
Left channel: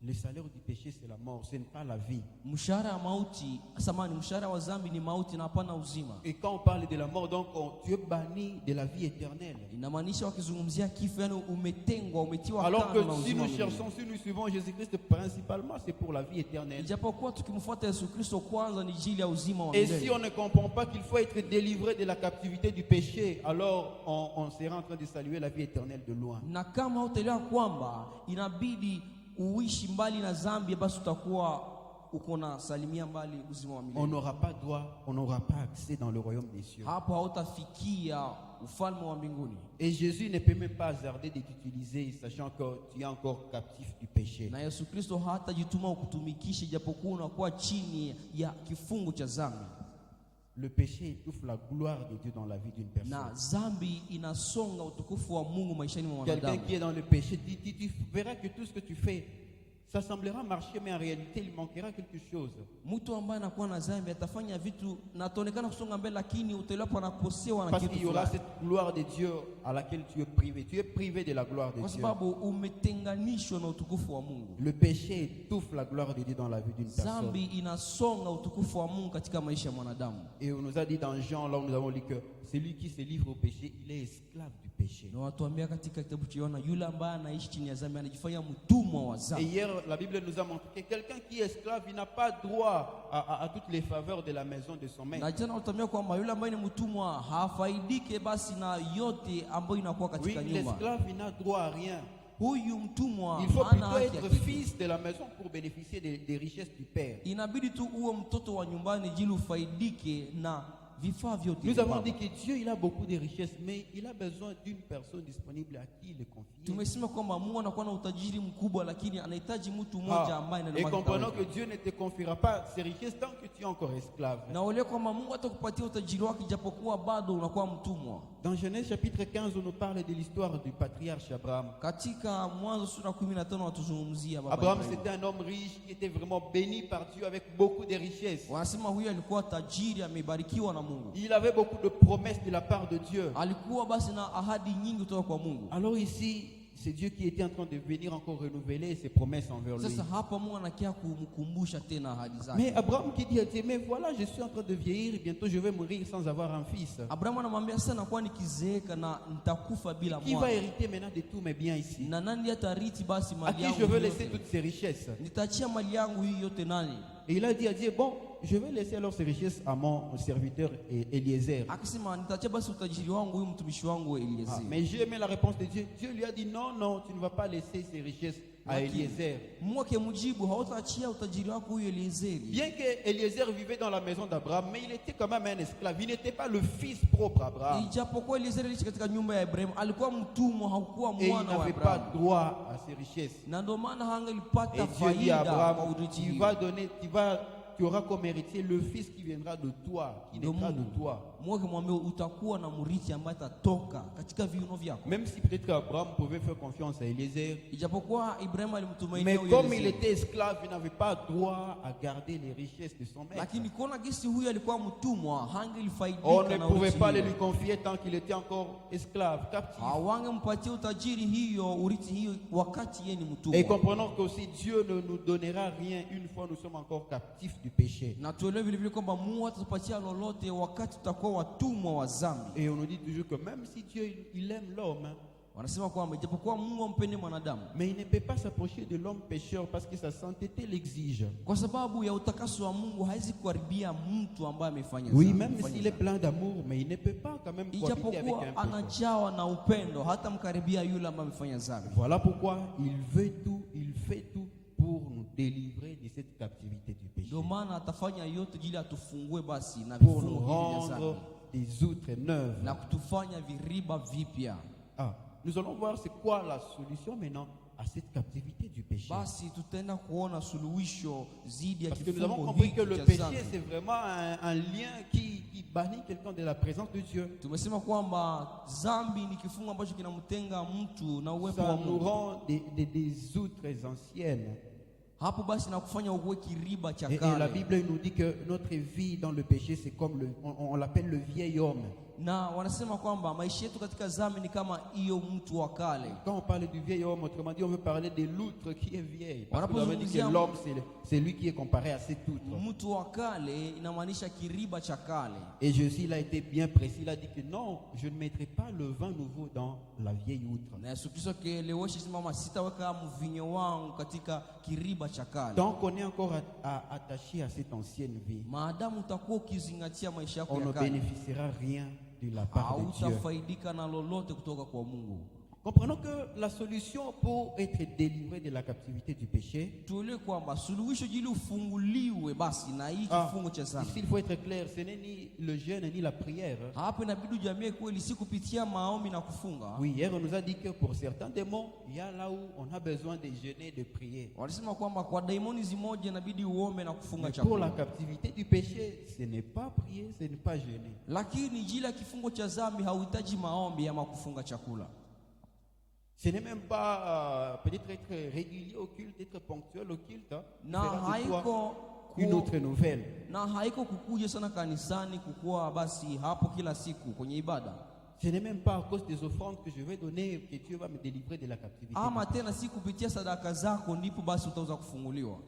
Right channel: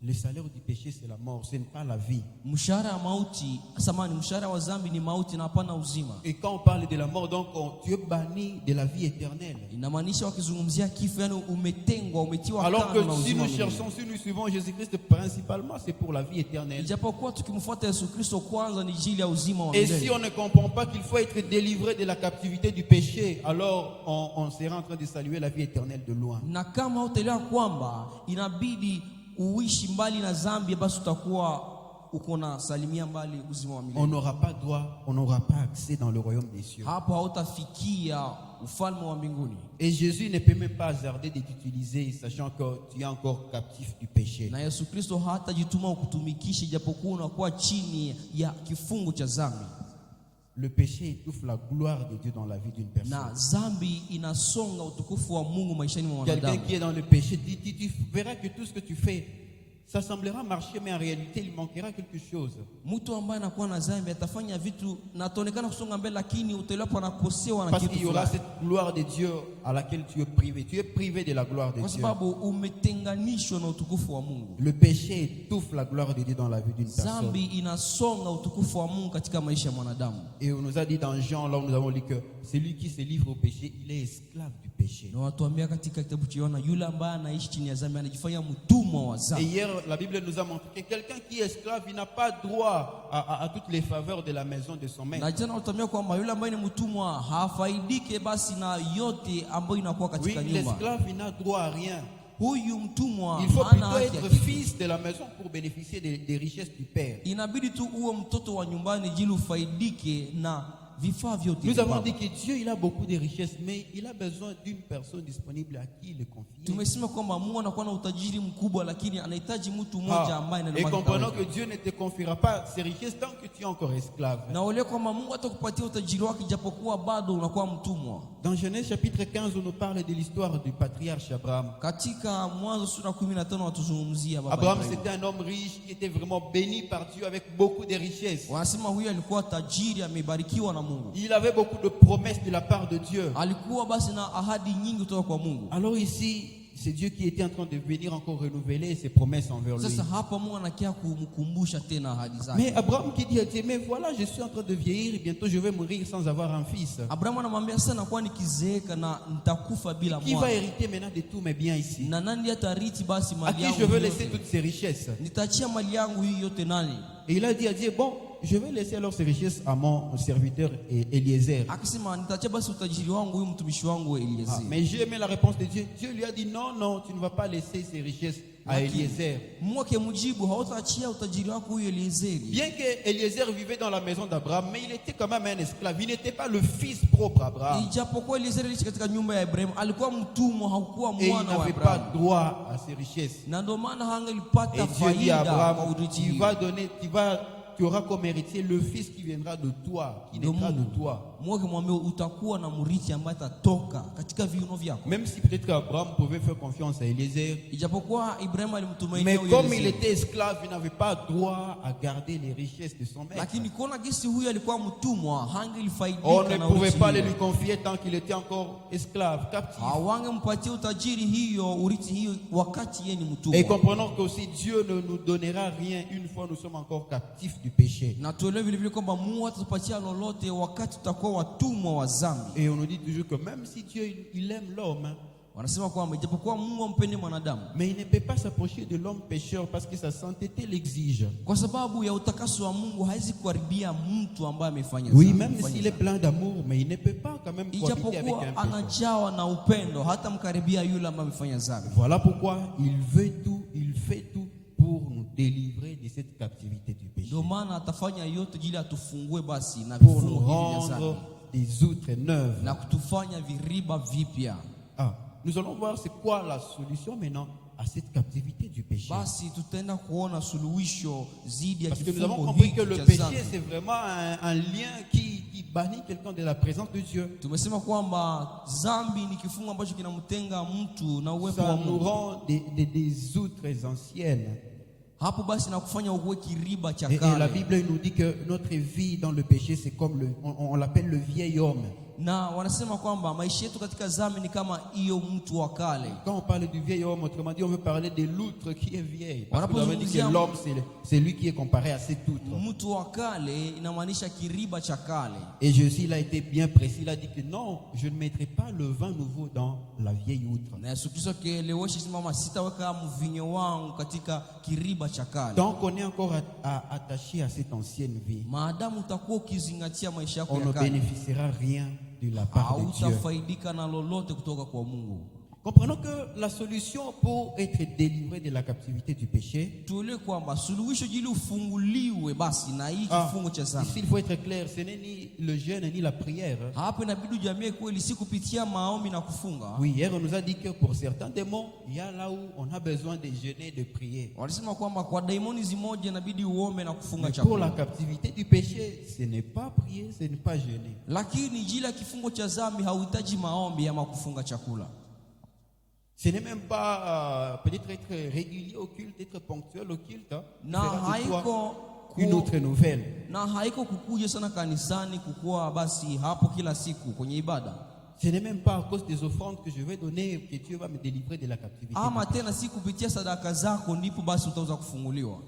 Le salaire du péché, c'est la mort, ce n'est pas la vie. Mshahara wa mauti, samani, mshahara wa dhambi ni mauti na hapana uzima. Et quand on parle de la mort, donc tu es banni de la vie éternelle. Inamaanisha wakizungumzia kifo, yani umetengwa, umetiwa Alors que kando na si uzima nous milele. cherchons, si nous suivons Jésus-Christ, principalement, c'est pour la vie éternelle. Ijapokuwa tukimfuata Yesu Kristo kwanza ni ajili ya uzima wa Et si milele. on ne comprend pas qu'il faut être délivré de la captivité du péché, alors on sera en train de saluer la vie éternelle de loin. Na kama utaelewa kwamba inabidi uishi mbali na dhambi, basi utakuwa uko na salimia mbali uzima wa On milele. n'aura pas droit, on n'aura pas accès dans le royaume des cieux. Hapo hautafikia ufalme wa mbinguni. Et Jésus ne peut même pas hasarder de t'utiliser, sachant que tu es encore captif du péché. Na Yesu Kristo hatajituma ukutumikishe japokuwa unakuwa chini ya kifungu cha dhambi. Le péché étouffe la gloire de Dieu dans la vie d'une personne. Na dhambi inasonga utukufu wa Mungu maishani mwa Quelqu'un mwanadamu. qui est dans le péché, tu verras que tout ce que tu fais, ça semblera marcher, mais en réalité, il manquera quelque chose. Mtu ambaye anakuwa na dhambi atafanya vitu na ataonekana kusonga mbele, lakini utaelewa anakosewa na Parce kitu qu'il y aura fulani. cette gloire de Dieu à laquelle tu es privé. Tu es privé de la gloire de Kwa Dieu. sababu umetenganishwa na utukufu wa Mungu. Le péché étouffe la gloire de Dieu dans la vie d'une personne. Dhambi inasonga utukufu wa Mungu katika maisha ya mwanadamu. Et on nous a dit dans Jean, là où nous avons lu que celui qui se livre au péché, il est esclave du péché. Na watuambia katika kitabu cha Yohana, yule ambaye anaishi chini ya dhambi anajifanya mtumwa wa Et dhambi. hier, la Bible nous a montré que quelqu'un qui est esclave, il n'a pas droit à toutes les faveurs de la maison de son maître. Na jana watuambia kwamba yule ambaye ni mtumwa hafaidike basi na yote ambayo inakuwa Oui, katika nyumba. l'esclave, il n'a droit à rien. Huyu mtumwa Il faut hana plutôt haki ya être kitu. fils de la maison pour bénéficier des richesses du Père. Inabidi tu uwe mtoto wa nyumbani jili ufaidike na vifaa vyote. Nous vya avons baba. dit que Dieu, il a beaucoup de richesses, mais il a besoin d'une personne disponible à qui le confier. Tumesema kwamba Mungu anakuwa na utajiri mkubwa, lakini anahitaji mtu mmoja ambaye Et comprenons que Dieu ne te confiera pas ces richesses tant que tu es encore esclave. na ule kwamba Mungu atakupatia utajiri wake japokuwa bado unakuwa mtumwa. Dans Genèse chapitre 15, on nous parle de l'histoire du patriarche Abraham. Katika Mwanzo sura 15 watuzungumzia baba Abraham, Ibrahim. c'était un homme riche qui était vraiment béni par Dieu avec beaucoup de richesses. Wanasema huyu alikuwa tajiri, amebarikiwa na Mungu. Il avait beaucoup de promesses de la part de Dieu. Alikuwa basi na ahadi nyingi kutoka kwa Mungu. Alors ici, c'est Dieu qui était en train de venir encore renouveler ses promesses envers lui. Sasa hapa Mungu anakia kumkumbusha tena ahadi zake. Mais Abraham qui dit à Dieu, mais voilà, je suis en train de vieillir et bientôt je vais mourir sans avoir un fils. Abrahamu anamwambia sasa nakuwa nikizeeka na nitakufa bila Qui va mwana. hériter maintenant de tous mes biens ici? Na nani atariti basi À mali qui yangu? je veux hii laisser yote? toutes ces richesses? Nitaachia mali yangu hii yote nani? Et il a dit à Dieu, bon, je vais laisser alors ces richesses à mon serviteur Eliezer. Akisema nitaachia basi utajiri wangu huyu mtumishi wangu Eliezeri. Mais j'ai aimé la réponse de Dieu. Dieu lui a dit, non, non, tu ne vas pas laisser ces richesses à Eliezer. Mungu akimjibu hautaachia utajiri wako huyu Eliezeri. Bien que Eliezer vivait dans la maison d'Abraham, mais il était quand même un esclave. Il n'était pas le fils propre d'Abraham. Ijapokuwa Eliezeri aliishi katika nyumba ya Ibrahimu, alikuwa mtumwa, hakuwa Et il mwana wa n'avait Ibrahimu. pas droit à ces richesses. Na ndio maana Et hangelipata Dieu dit à faida kwa Abraham, urithi. tu auras comme héritier le fils qui viendra de toi, qui naîtra de toi. Mungu akimwambia utakuwa na mrithi ambaye atatoka katika viuno vyako. Même si peut-être qu'Abraham pouvait faire confiance à Eliezer, Ijapokuwa Ibrahimu alimtumainia mais huyu comme il Eliezeri. était esclave, il n'avait pas droit à garder les richesses de son maître. Lakini kuona gisi huyu alikuwa mtumwa, hangelifaidika On ne na pouvait urithi pas le hiyo. lui confier tant qu'il était encore esclave, captif. Hawangempatia utajiri hiyo, urithi hiyo wakati yeye ni Et mtumwa. comprenons qu'aussi Dieu ne nous donnera rien une fois nous sommes encore captifs du péché. Na tuelewe vile vile kwamba Mungu atatupatia lolote wakati tutakuwa watumwa wa dhambi. Et on nous dit toujours que même si Dieu il aime l'homme, Wanasema kwamba ijapokuwa Mungu ampende mwanadamu, mais il ne peut pas s'approcher de l'homme pécheur parce que sa sainteté l'exige. kwa sababu ya utakaso wa Mungu hawezi kukaribia mtu ambaye amefanya Oui, dhambi, même amefanya s'il est dhambi. plein d'amour, mais il ne peut pas quand même cohabiter avec Ijapokuwa un pécheur. anajawa na upendo, hata mkaribia yule ambaye amefanya dhambi. Voilà pourquoi il fait tout pour nous délivrer de cette captivité du péché. Ndio maana atafanya yote ili atufungue basi na Pour vifungo nous hivi vya rendre dhambi des outres neuves. na kutufanya viriba vipya. Ah, nous allons voir c'est quoi la solution maintenant à cette captivité du péché. Basi tutaenda kuona suluhisho zidi ya Parce que nous avons kifungo compris que hiki le cha péché, dhambi. c'est vraiment un lien qui bannit quelqu'un de la présence de Dieu. Tumesema kwamba dhambi ni kifungo ambacho kinamtenga mtu na uwepo wa Ça nous Mungu. rend des outres anciennes. Hapo basi na kufanya uwe kiriba cha Et la kale. Bible nous dit que notre vie dans le péché, c'est comme on l'appelle le vieil homme. Na wanasema kwamba maisha yetu katika dhambi ni kama hiyo mtu wa kale. Quand on parle du vieil homme, autrement dit, on veut parler de l'outre qui est vieille. Parce que nous avons dit que l'homme, c'est lui qui est comparé à cet outre. Mtu wa kale inamaanisha kiriba cha kale. Et Jésus, il a été bien précis. Il a dit que non, je ne mettrai pas le vin nouveau dans la vieille outre. Na Yesu Kristo akielewesha simama, sitaweka mvinyo wangu katika kiriba cha kale. Tant qu'on est encore attaché à cette ancienne vie, Maadamu utakuwa ukizingatia maisha yako on ya ne kale, bénéficiera rien de la part de Dieu. hautafaidika na lolote kutoka kwa Mungu. Comprenons que la solution pour être délivré de la captivité du péché, Tuelewe kwamba suluhisho ili ufunguliwe basi na hii kifungo cha ici dhambi. il faut être clair, ce n'est ni le jeûne ni la prière. Hapo inabidi ujamie kweli, si kupitia maombi na kufunga. Oui, hier on nous a dit que pour certains démons, il y a là où on a besoin de jeûner, de prier. Walisema kwamba kwa daimoni zimoja inabidi uombe na kufunga Mais pour la chakula. captivité du péché, ce n'est pas prier, ce n'est pas jeûner. Lakini jila ya kifungo cha dhambi hauhitaji maombi ama kufunga chakula. Ce n'est même pas peut-être être régulier au culte, être ponctuel au culte. Na Fera de toi haiko une autre nouvelle. na haiko kukuja sana kanisani kukua basi hapo kila siku kwenye ibada. Ce n'est même pas à cause des offrandes que je vais donner que Dieu va me délivrer de la captivité. Ama tena si kupitia sadaka zako ndipo basi utaweza kufunguliwa.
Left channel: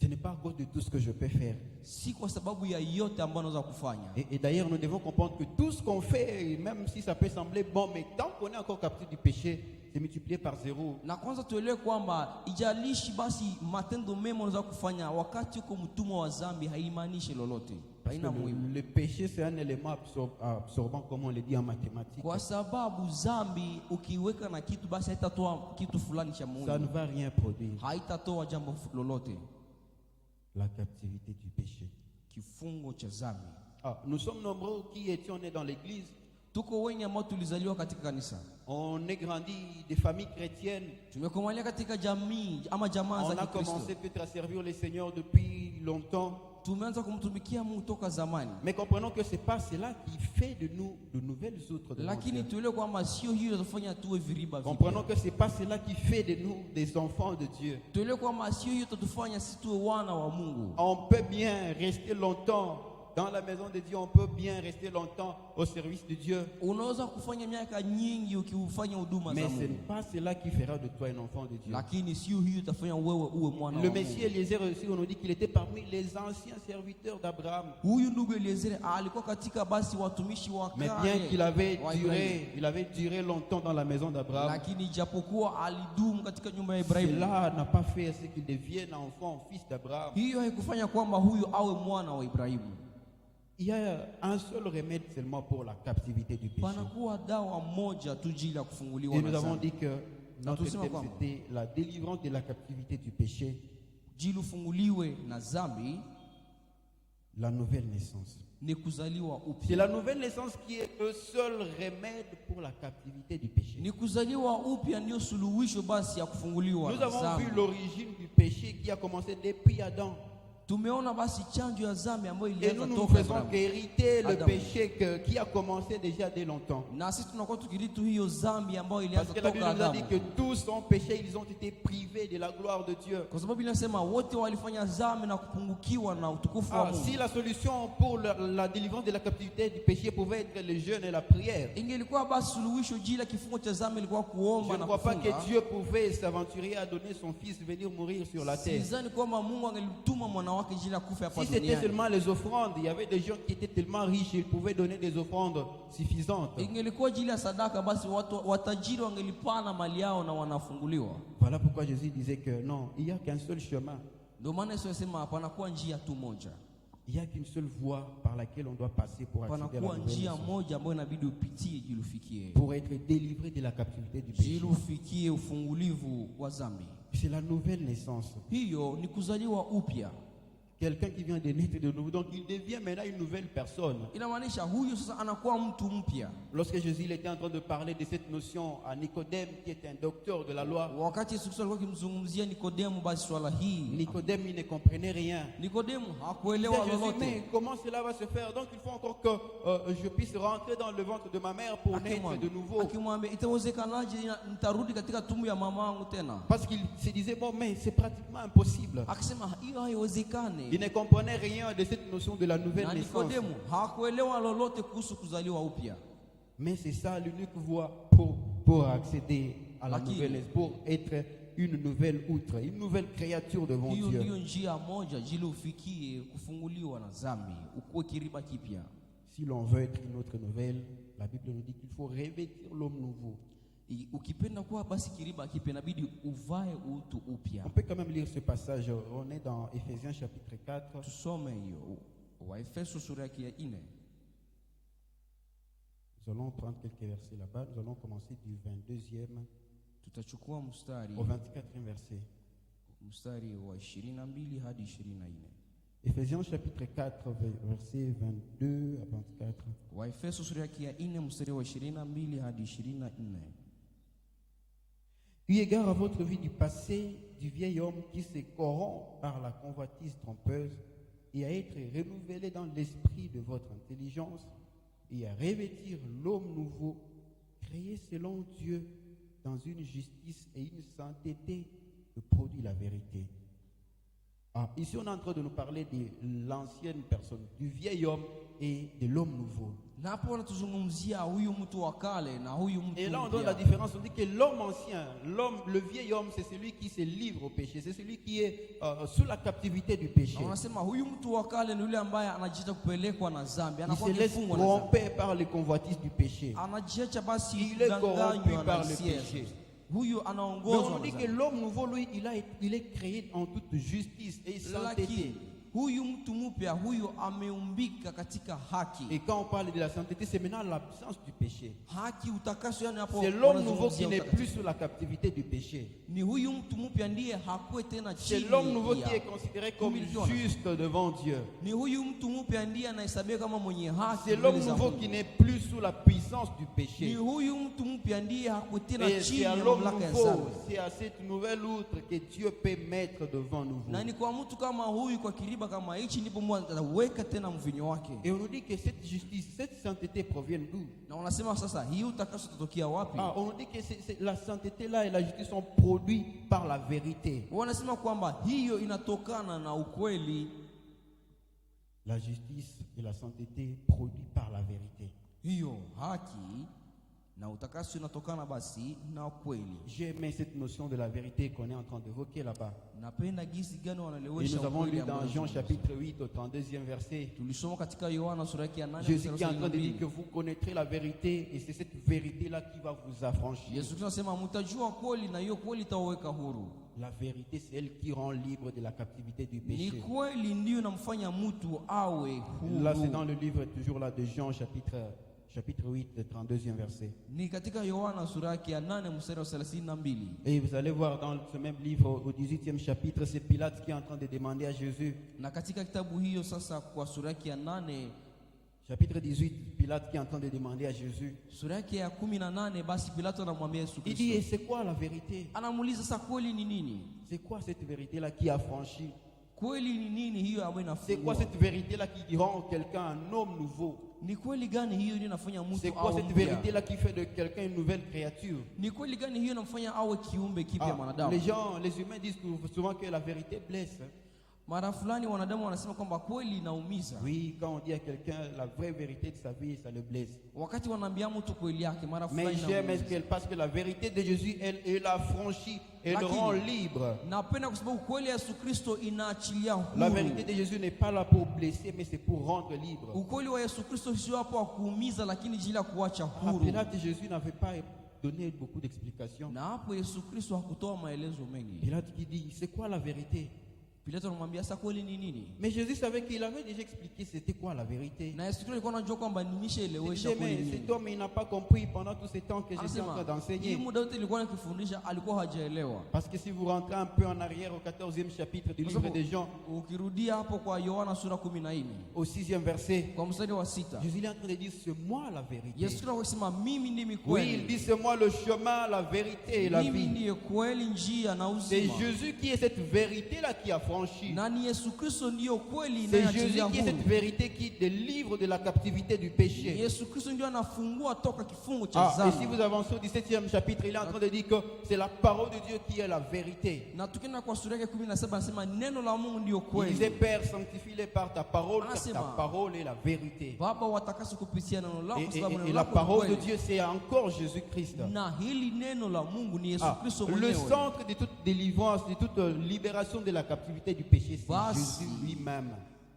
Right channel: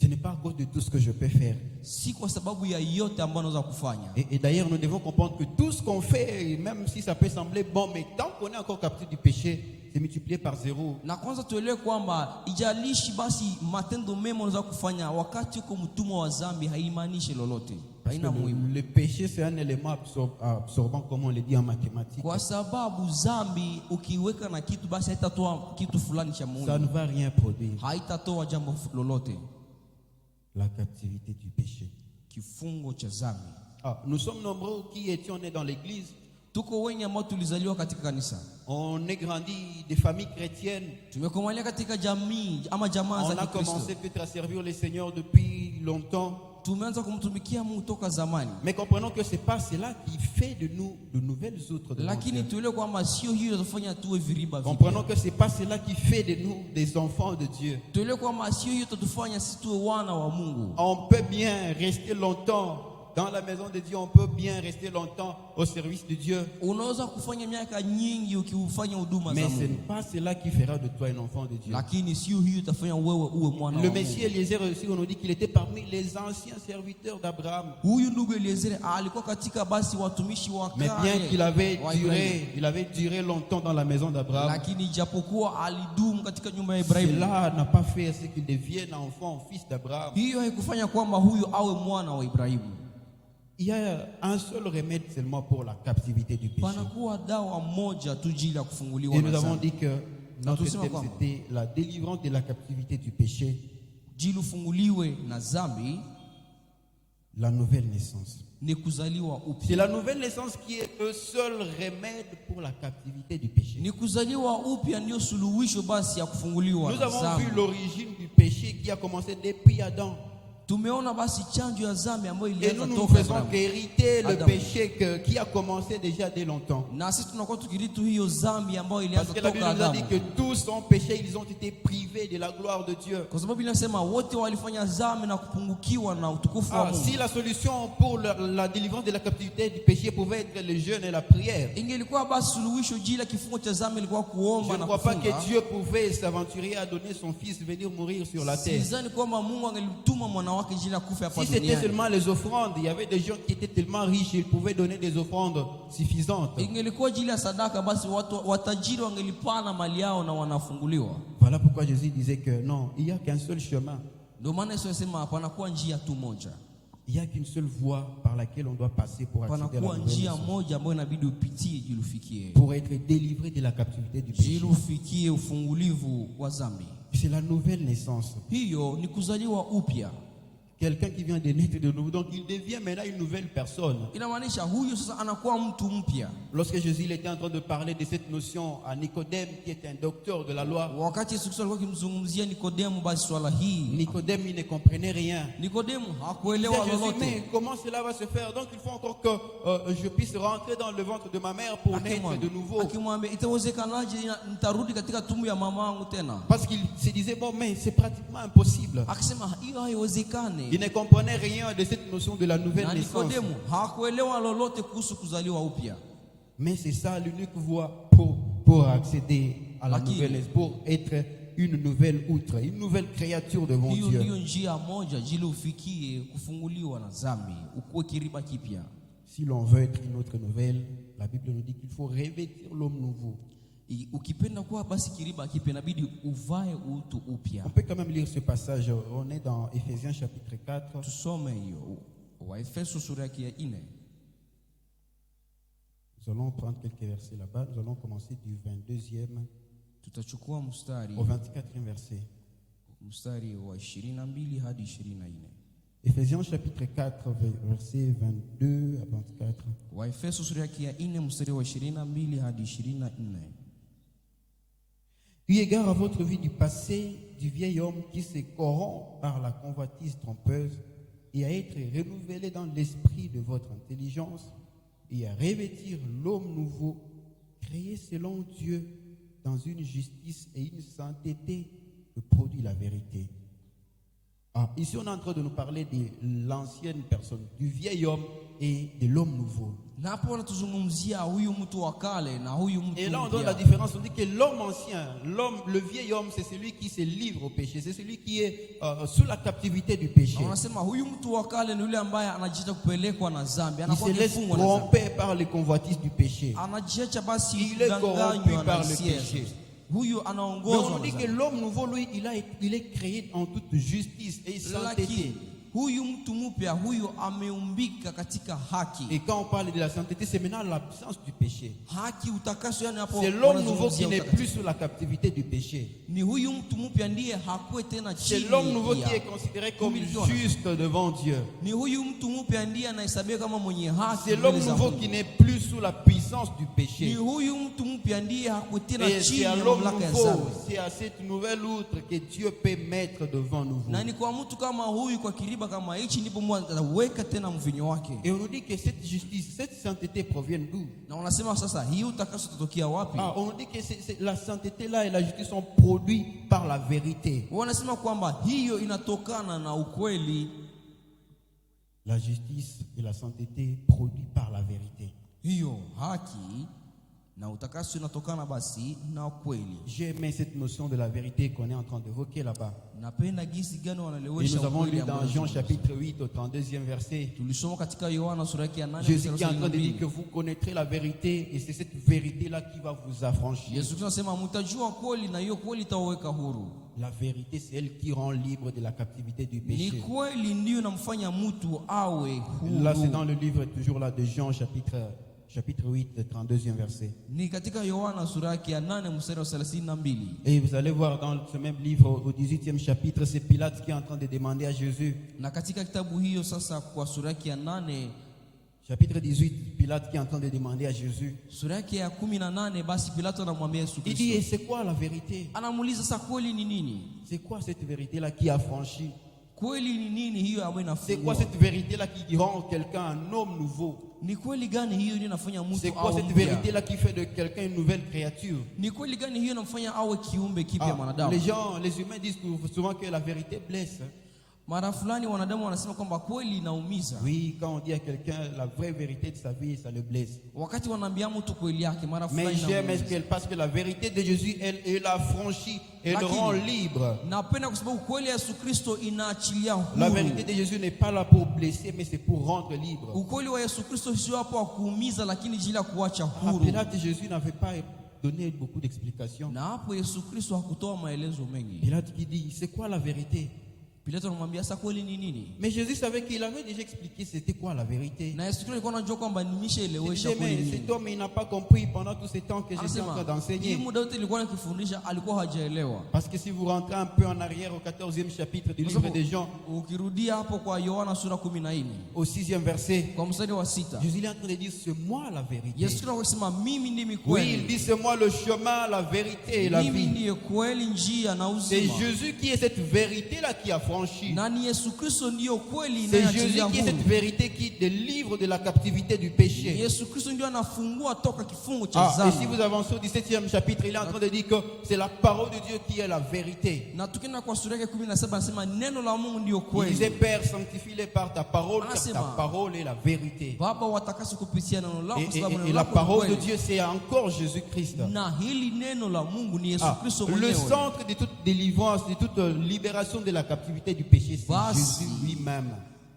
Ce n'est pas à cause de tout ce que je peux faire. Si kwa sababu ya yote ambayo unaweza kufanya. Et d'ailleurs, nous devons comprendre que tout ce qu'on fait, même si ça peut sembler bon, mais tant qu'on est encore captif du péché, c'est multiplié par zéro. Na kwanza tuelewe kwamba ijalishi basi matendo mema unaweza kufanya wakati uko mtumwa wa dhambi haimaanishi lolote. Haina muhimu. Le péché, c'est un élément absorbant, comme on le dit en mathématiques. Kwa sababu dhambi ukiweka na kitu basi haitatoa kitu fulani cha Ça ne muhimu. va rien produire. Haitatoa jambo lolote. La captivité du péché. Kifungo cha dhambi. Nous sommes nombreux qui étions nés dans l'église. Tuko wengi ambao tulizaliwa katika kanisa. On est grandi des familles chrétiennes. Tumekomalia katika jamii ama jamaa On za a Kikristo. commencé peut-être à servir le Seigneur depuis longtemps. Tumeanza kumtumikia Mungu toka zamani. Mais comprenons que ce n'est pas cela qui fait de nous de nouvelles outres devant Lakini Dieu. tuelewe kwamba sio hiyo inafanya tuwe viriba vipya. Comprenons que ce n'est pas cela qui fait de nous des enfants de Dieu. Tuelewe kwamba sio hiyo itatufanya sisi tuwe wana wa Mungu. On peut bien rester longtemps dans la maison de Dieu, on peut bien rester longtemps au service de Dieu. Unaweza kufanya miaka nyingi ukifanya huduma Mais za ce n'est Mungu. pas cela qui fera de toi un enfant de Dieu. Lakini sio hiyo itafanya wewe uwe mwana Le wa Messie Mungu. Eliezer aussi, on nous dit qu'il était parmi les anciens serviteurs d'Abraham. Huyu ndugu Eliezer alikuwa katika basi watumishi wa Mais bien qu'il avait wa Ibrahimu. duré longtemps dans la maison d'Abraham, Lakini japokuwa alidumu katika nyumba ya Ibrahimu, cela n'a pas fait ce qu'il devienne enfant, fils d'Abraham. hiyo haikufanya kwamba huyu awe mwana wa Ibrahimu. Il y a un seul remède seulement pour la captivité du péché. Panakuwa dawa moja tu jili ya kufunguliwa Et na nous avons dhambi. dit que notre tusema thème kwamba c'était la délivrance de la captivité du péché, Jili ufunguliwe na dhambi la nouvelle naissance. ni kuzaliwa C'est upya. la nouvelle naissance qui est le seul remède pour la captivité du péché. Ni kuzaliwa upya ndio suluhisho basi ya kufunguliwa Nous na avons dhambi. vu l'origine du péché qui a commencé depuis Adam. Tumeona basi chanjo ya dhambi ambayo Et nous ilianza nous toka faisons Abrahamu. qu'hériter le Adam. péché qui a commencé déjà dès longtemps. Na sisi tunakuwa tukiritu hiyo dhambi ambayo Parce ilianza que la Bible toka nous a dit Adamu. que tous ont péché, ils ont été privés de la gloire de Dieu. Kwa sababu inasema wote walifanya dhambi na kupungukiwa na utukufu wa Si Mungu. la solution pour la délivrance de la captivité du péché pouvait être le jeûne et la prière, Ingelikuwa basi suluhisho jila kifungo cha dhambi ilikuwa je kuomba ne na crois pas que kufunga. Dieu pouvait s'aventurer à donner son fils venir mourir sur la terre. Sidhani kwamba Mungu angelimtuma mwana wake jili ya kufa hapa Si c'était duniani. seulement les offrandes, il y avait des gens qui étaient tellement riches, ils pouvaient donner des offrandes suffisantes. Ingelikuwa jili ya sadaka, basi watu watajiri wangelipana mali yao na wanafunguliwa. Voilà pourquoi Jésus disait que non, il n'y a qu'un seul chemin. Ndio maana Yesu alisema panakuwa njia tu moja. Il n'y a qu'une seule voie par laquelle on doit passer pour accéder à la Panakuwa nouvelle njia naissance, moja ambayo inabidi upitie ili ufikie. pour être délivré de la captivité du péché. Ili ufikie ufungulivu wa dhambi. C'est la nouvelle naissance. Hiyo ni kuzaliwa upya. Quelqu'un qui vient de naître de nouveau, donc il devient maintenant une nouvelle personne. Inamaanisha huyu sasa anakuwa mtu mpya. Lorsque Jésus il était en train de parler de cette notion à Nicodème, qui est un docteur de la loi, Wakati Yesu Kristo alikuwa akimzungumzia Nikodemu basi swala hii, Nicodème il ne comprenait rien. Nikodemu Il hakuelewa disait, Jésus, mais lolote. comment cela va se faire? Donc il faut encore que je puisse rentrer dans le ventre de ma mère pour naître de nouveau. Akimwambia itawezekanaje nitarudi katika tumbo ya mama yangu tena? Parce qu'il se disait, bon, mais c'est pratiquement impossible. Akisema hiyo haiwezekani. Il ne comprenait rien de cette notion de la nouvelle Na naissance. Nikodemu hakuelewa lolote kuhusu kuzaliwa upya. Mais c'est ça l'unique voie pour accéder à la Lakini, nouvelle naissance, pour être une nouvelle outre, une nouvelle créature devant Hiyo Dieu. ndiyo njia moja jili ufikie kufunguliwa na dhambi, ukuwe kiriba kipya. Si l'on veut être une autre nouvelle, la Bible nous dit qu'il faut revêtir l'homme nouveau. Ukipenda kuwa basi kiriba kipya inabidi uvae utu upya. On peut quand même lire ce passage. On est dans Éphésiens chapitre 4. Tusome hiyo Waefeso sura yake ya 4. Nous allons prendre quelques versets là-bas. Nous allons commencer du 22e Tutachukua mstari au 24e verset. mstari wa 22 hadi 24. Éphésiens chapitre 4, versets 22 à 24. Waefeso sura yake ya 4 mstari wa 22 hadi 24. Eu égard à votre vie du passé, du vieil homme qui se corrompt par la convoitise trompeuse, et à être renouvelé dans l'esprit de votre intelligence, et à revêtir l'homme nouveau, créé selon Dieu, dans une justice et une sainteté que produit la vérité. Ici, on est en train de nous parler de l'ancienne personne, du vieil homme et de l'homme nouveau. Na hapo wanatuzungumzia huyu mtu wa kale na huyu mtu Et là, on donne la mpya. différence. On dit que l'homme ancien, le vieil homme, c'est celui qui se livre au péché. C'est celui qui est sous la captivité du péché. Na wanasema huyu mtu wa kale ni yule ambaye anajiacha kupelekwa na dhambi, Il anakuwa se laisse kifungwa na dhambi. tromper par les convoitises du péché. Anajiacha basi Il est corrompu kudanganywa par na le hisia. péché. Huyu Mais anaongozwa on na dit que dhambi. l'homme nouveau, lui, il est créé en toute justice et sainteté. Lakini huyu mtu mpya huyu ameumbika katika haki. Et quand on parle de la sainteté, c'est maintenant l'absence du péché. Haki, utakaso, yani hapo C'est l'homme nouveau wanazungumzia qui n'est utakatifu. plus sous la captivité du péché. Ni huyu mtu mpya ndiye hakuwe tena C'est chini l'homme nouveau qui ya- est considéré comme kumilikiwa na- juste devant Dieu. Ni huyu mtu mpya ndiye anahesabiwa kama mwenye haki C'est mbele l'homme za nouveau Mungu. qui n'est plus sous la puissance du Ni péché. huyu mtu mpya ndiye hakuwe tena Et chini c'est à ya l'homme mamlaka ya nouveau, dhambi. c'est à cette nouvelle outre que Dieu peut mettre devant nous. Na ni kwa mtu kama huyu, kwa kiriba kama hichi, ndipo Mungu ataweka tena mvinyo wake. Et on nous dit que cette justice, cette sainteté proviennent d'où? Na unasema sasa hii utakaso tutokea wapi? On nous dit que la sainteté là et la justice sont produits par la vérité. Wanasema kwamba hiyo inatokana na ukweli. La justice et la sainteté produits par la vérité. Hiyo haki na utakaso inatokana basi na ukweli. J'ai aimé cette notion de la vérité qu'on est en train d'évoquer là-bas. Napenda gisi gani Et wanalewesha nous avons ukweli lu dans ambao Jean chapitre 8 au 32e verset. tulisoma katika Yohana sura yake ya 8 Jésus qui est en mstari wa train de dire 32. que vous connaîtrez la vérité et c'est cette vérité-là qui va vous affranchir. Yesu Kristo anasema mtajua kweli na hiyo kweli itawaweka huru. La vérité, c'est elle qui rend libre de la captivité du Ni péché. kweli ndiyo inamfanya mtu awe Là, c'est dans huru. le livre toujours là de Jean chapitre 8, le 32e verset. Ni katika Yohana sura yake ya 8 mstari wa 32. Et vous allez voir dans ce même livre, au 18e chapitre, c'est Pilate qui est en train de demander à Jésus. Na katika kitabu hiyo sasa kwa sura yake ya 8, Chapitre 18, Pilate qui est en train de demander à Jésus. sura yake ya 18, basi Pilato anamwambia Yesu Il dit, et Kristo. c'est quoi la vérité? Anamuuliza sasa kweli ni nini? C'est quoi cette vérité-là qui affranchit? Kweli ni nini hiyo ambayo C'est quoi inafungua? cette vérité-là qui rend quelqu'un un homme nouveau? Ni kweli gani hiyo ndiyo inafanya C'est mtu quoi awe cette mpya? vérité-là qui fait de quelqu'un une nouvelle créature? Ni kweli gani hiyo inamfanya awe kiumbe kipya Les mwanadamu? gens, les humains disent souvent que la vérité blesse. Mara fulani wanadamu wanasema kwamba kweli inaumiza. Oui, quand on dit à quelqu'un la vraie vérité de sa vie, ça le blesse. Wakati wanaambia mtu kweli yake mara Mais fulani j'aime inaumiza. parce que la vérité de Jésus, elle affranchit, elle Lakini, rend libre. napenda kwa sababu kweli ya Yesu Kristo inaachilia huru. La vérité de Jésus n'est pas là pour blesser, mais c'est pour rendre libre. Ukweli wa Yesu Kristo sio hapo kuumiza, lakini jili ya kuacha À huru. Pilate, Jésus n'avait pas donné beaucoup d'explications. Na hapo Yesu Kristo hakutoa maelezo mengi. Pilate qui dit, c'est quoi la vérité? Pilato anamwambia sasa kweli ni nini? Mais Jésus savait qu'il avait déjà expliqué c'était quoi la vérité. Na Yesu Kristo alikuwa anajua kwamba Il nimeshaelewesha disait, kweli mais nini. cet homme, il n'a pas compris pendant tout ce temps que j'étais en train Anasema hii d'enseigner. muda wote nilikuwa nikifundisha alikuwa hajaelewa. Parce que si vous rentrez un peu en arrière au 14e chapitre du livre de Jean, Ukirudia hapo kwa Yohana sura 14 au 6e verset, kwa mstari wa 6, Jésus est en train de dire, c'est moi la vérité. Yesu Kristo anasema mimi ndimi Oui, il kweli. dit, c'est moi le chemin, la vérité et la Mimi vie. ndiye kweli, njia na C'est uzima. Jésus qui est cette vérité-là qui a franchi. Na ni Yesu Kristo ndiyo kweli C'est Jésus inayoachilia qui est cette huru. vérité qui délivre de la captivité du péché. Yesu Kristo ndiyo anafungua toka kifungo cha Ah, et si dhambi. vous avancez au 17e chapitre, il est en train de dire que c'est la parole de Dieu qui est la vérité. Na tukienda kwa sura yake 17 anasema neno la Mungu ndiyo Il disait, kweli. Père, sanctifie-les par ta parole, car ta Anasema, parole est la vérité. Baba watakase kupitia neno lako kwa sababu Et neno la lako ni parole de kweli. Dieu, c'est encore Jésus-Christ. Na hili neno la Mungu ni Yesu Ah, Kristo le mwenyewe. centre de toute délivrance, de toute libération de la captivité du péché, c'est Basi. Jésus lui-même.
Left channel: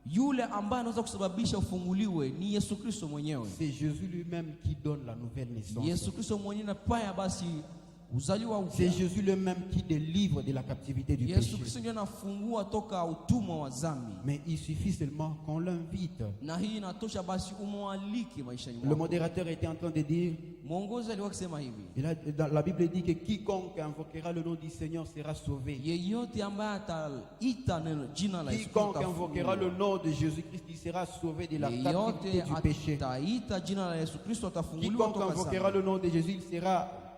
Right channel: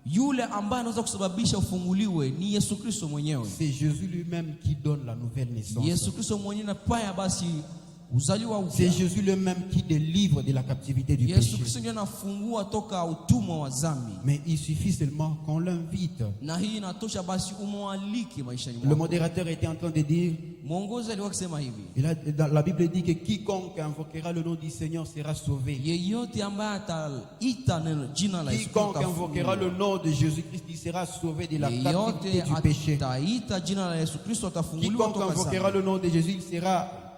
Yule ambaye anaweza kusababisha ufunguliwe ni Yesu Kristo mwenyewe. C'est Jésus lui-même qui donne la nouvelle naissance. Yesu Kristo mwenyewe na paya basi uzaliwa C'est upya. Jésus lui-même qui délivre de la captivité du Yesu péché. Kristo ndiye anafungua toka utumwa wa dhambi. Mais il suffit seulement qu'on l'invite. Na hii inatosha basi umwalike maishani Le mwako. modérateur était en train de dire, Mwongozi alikuwa akisema hivi, la Bible dit que quiconque invoquera le nom du Seigneur sera sauvé. yeyote ambaye ataita neno jina la Yesu Quiconque Kristo invoquera le nom de Jésus-Christ, il sera sauvé de la captivité yeyote du péché. ataita jina la Yesu Kristo atafunguliwa Quiconque toka invoquera dhambi. le nom de Jésus,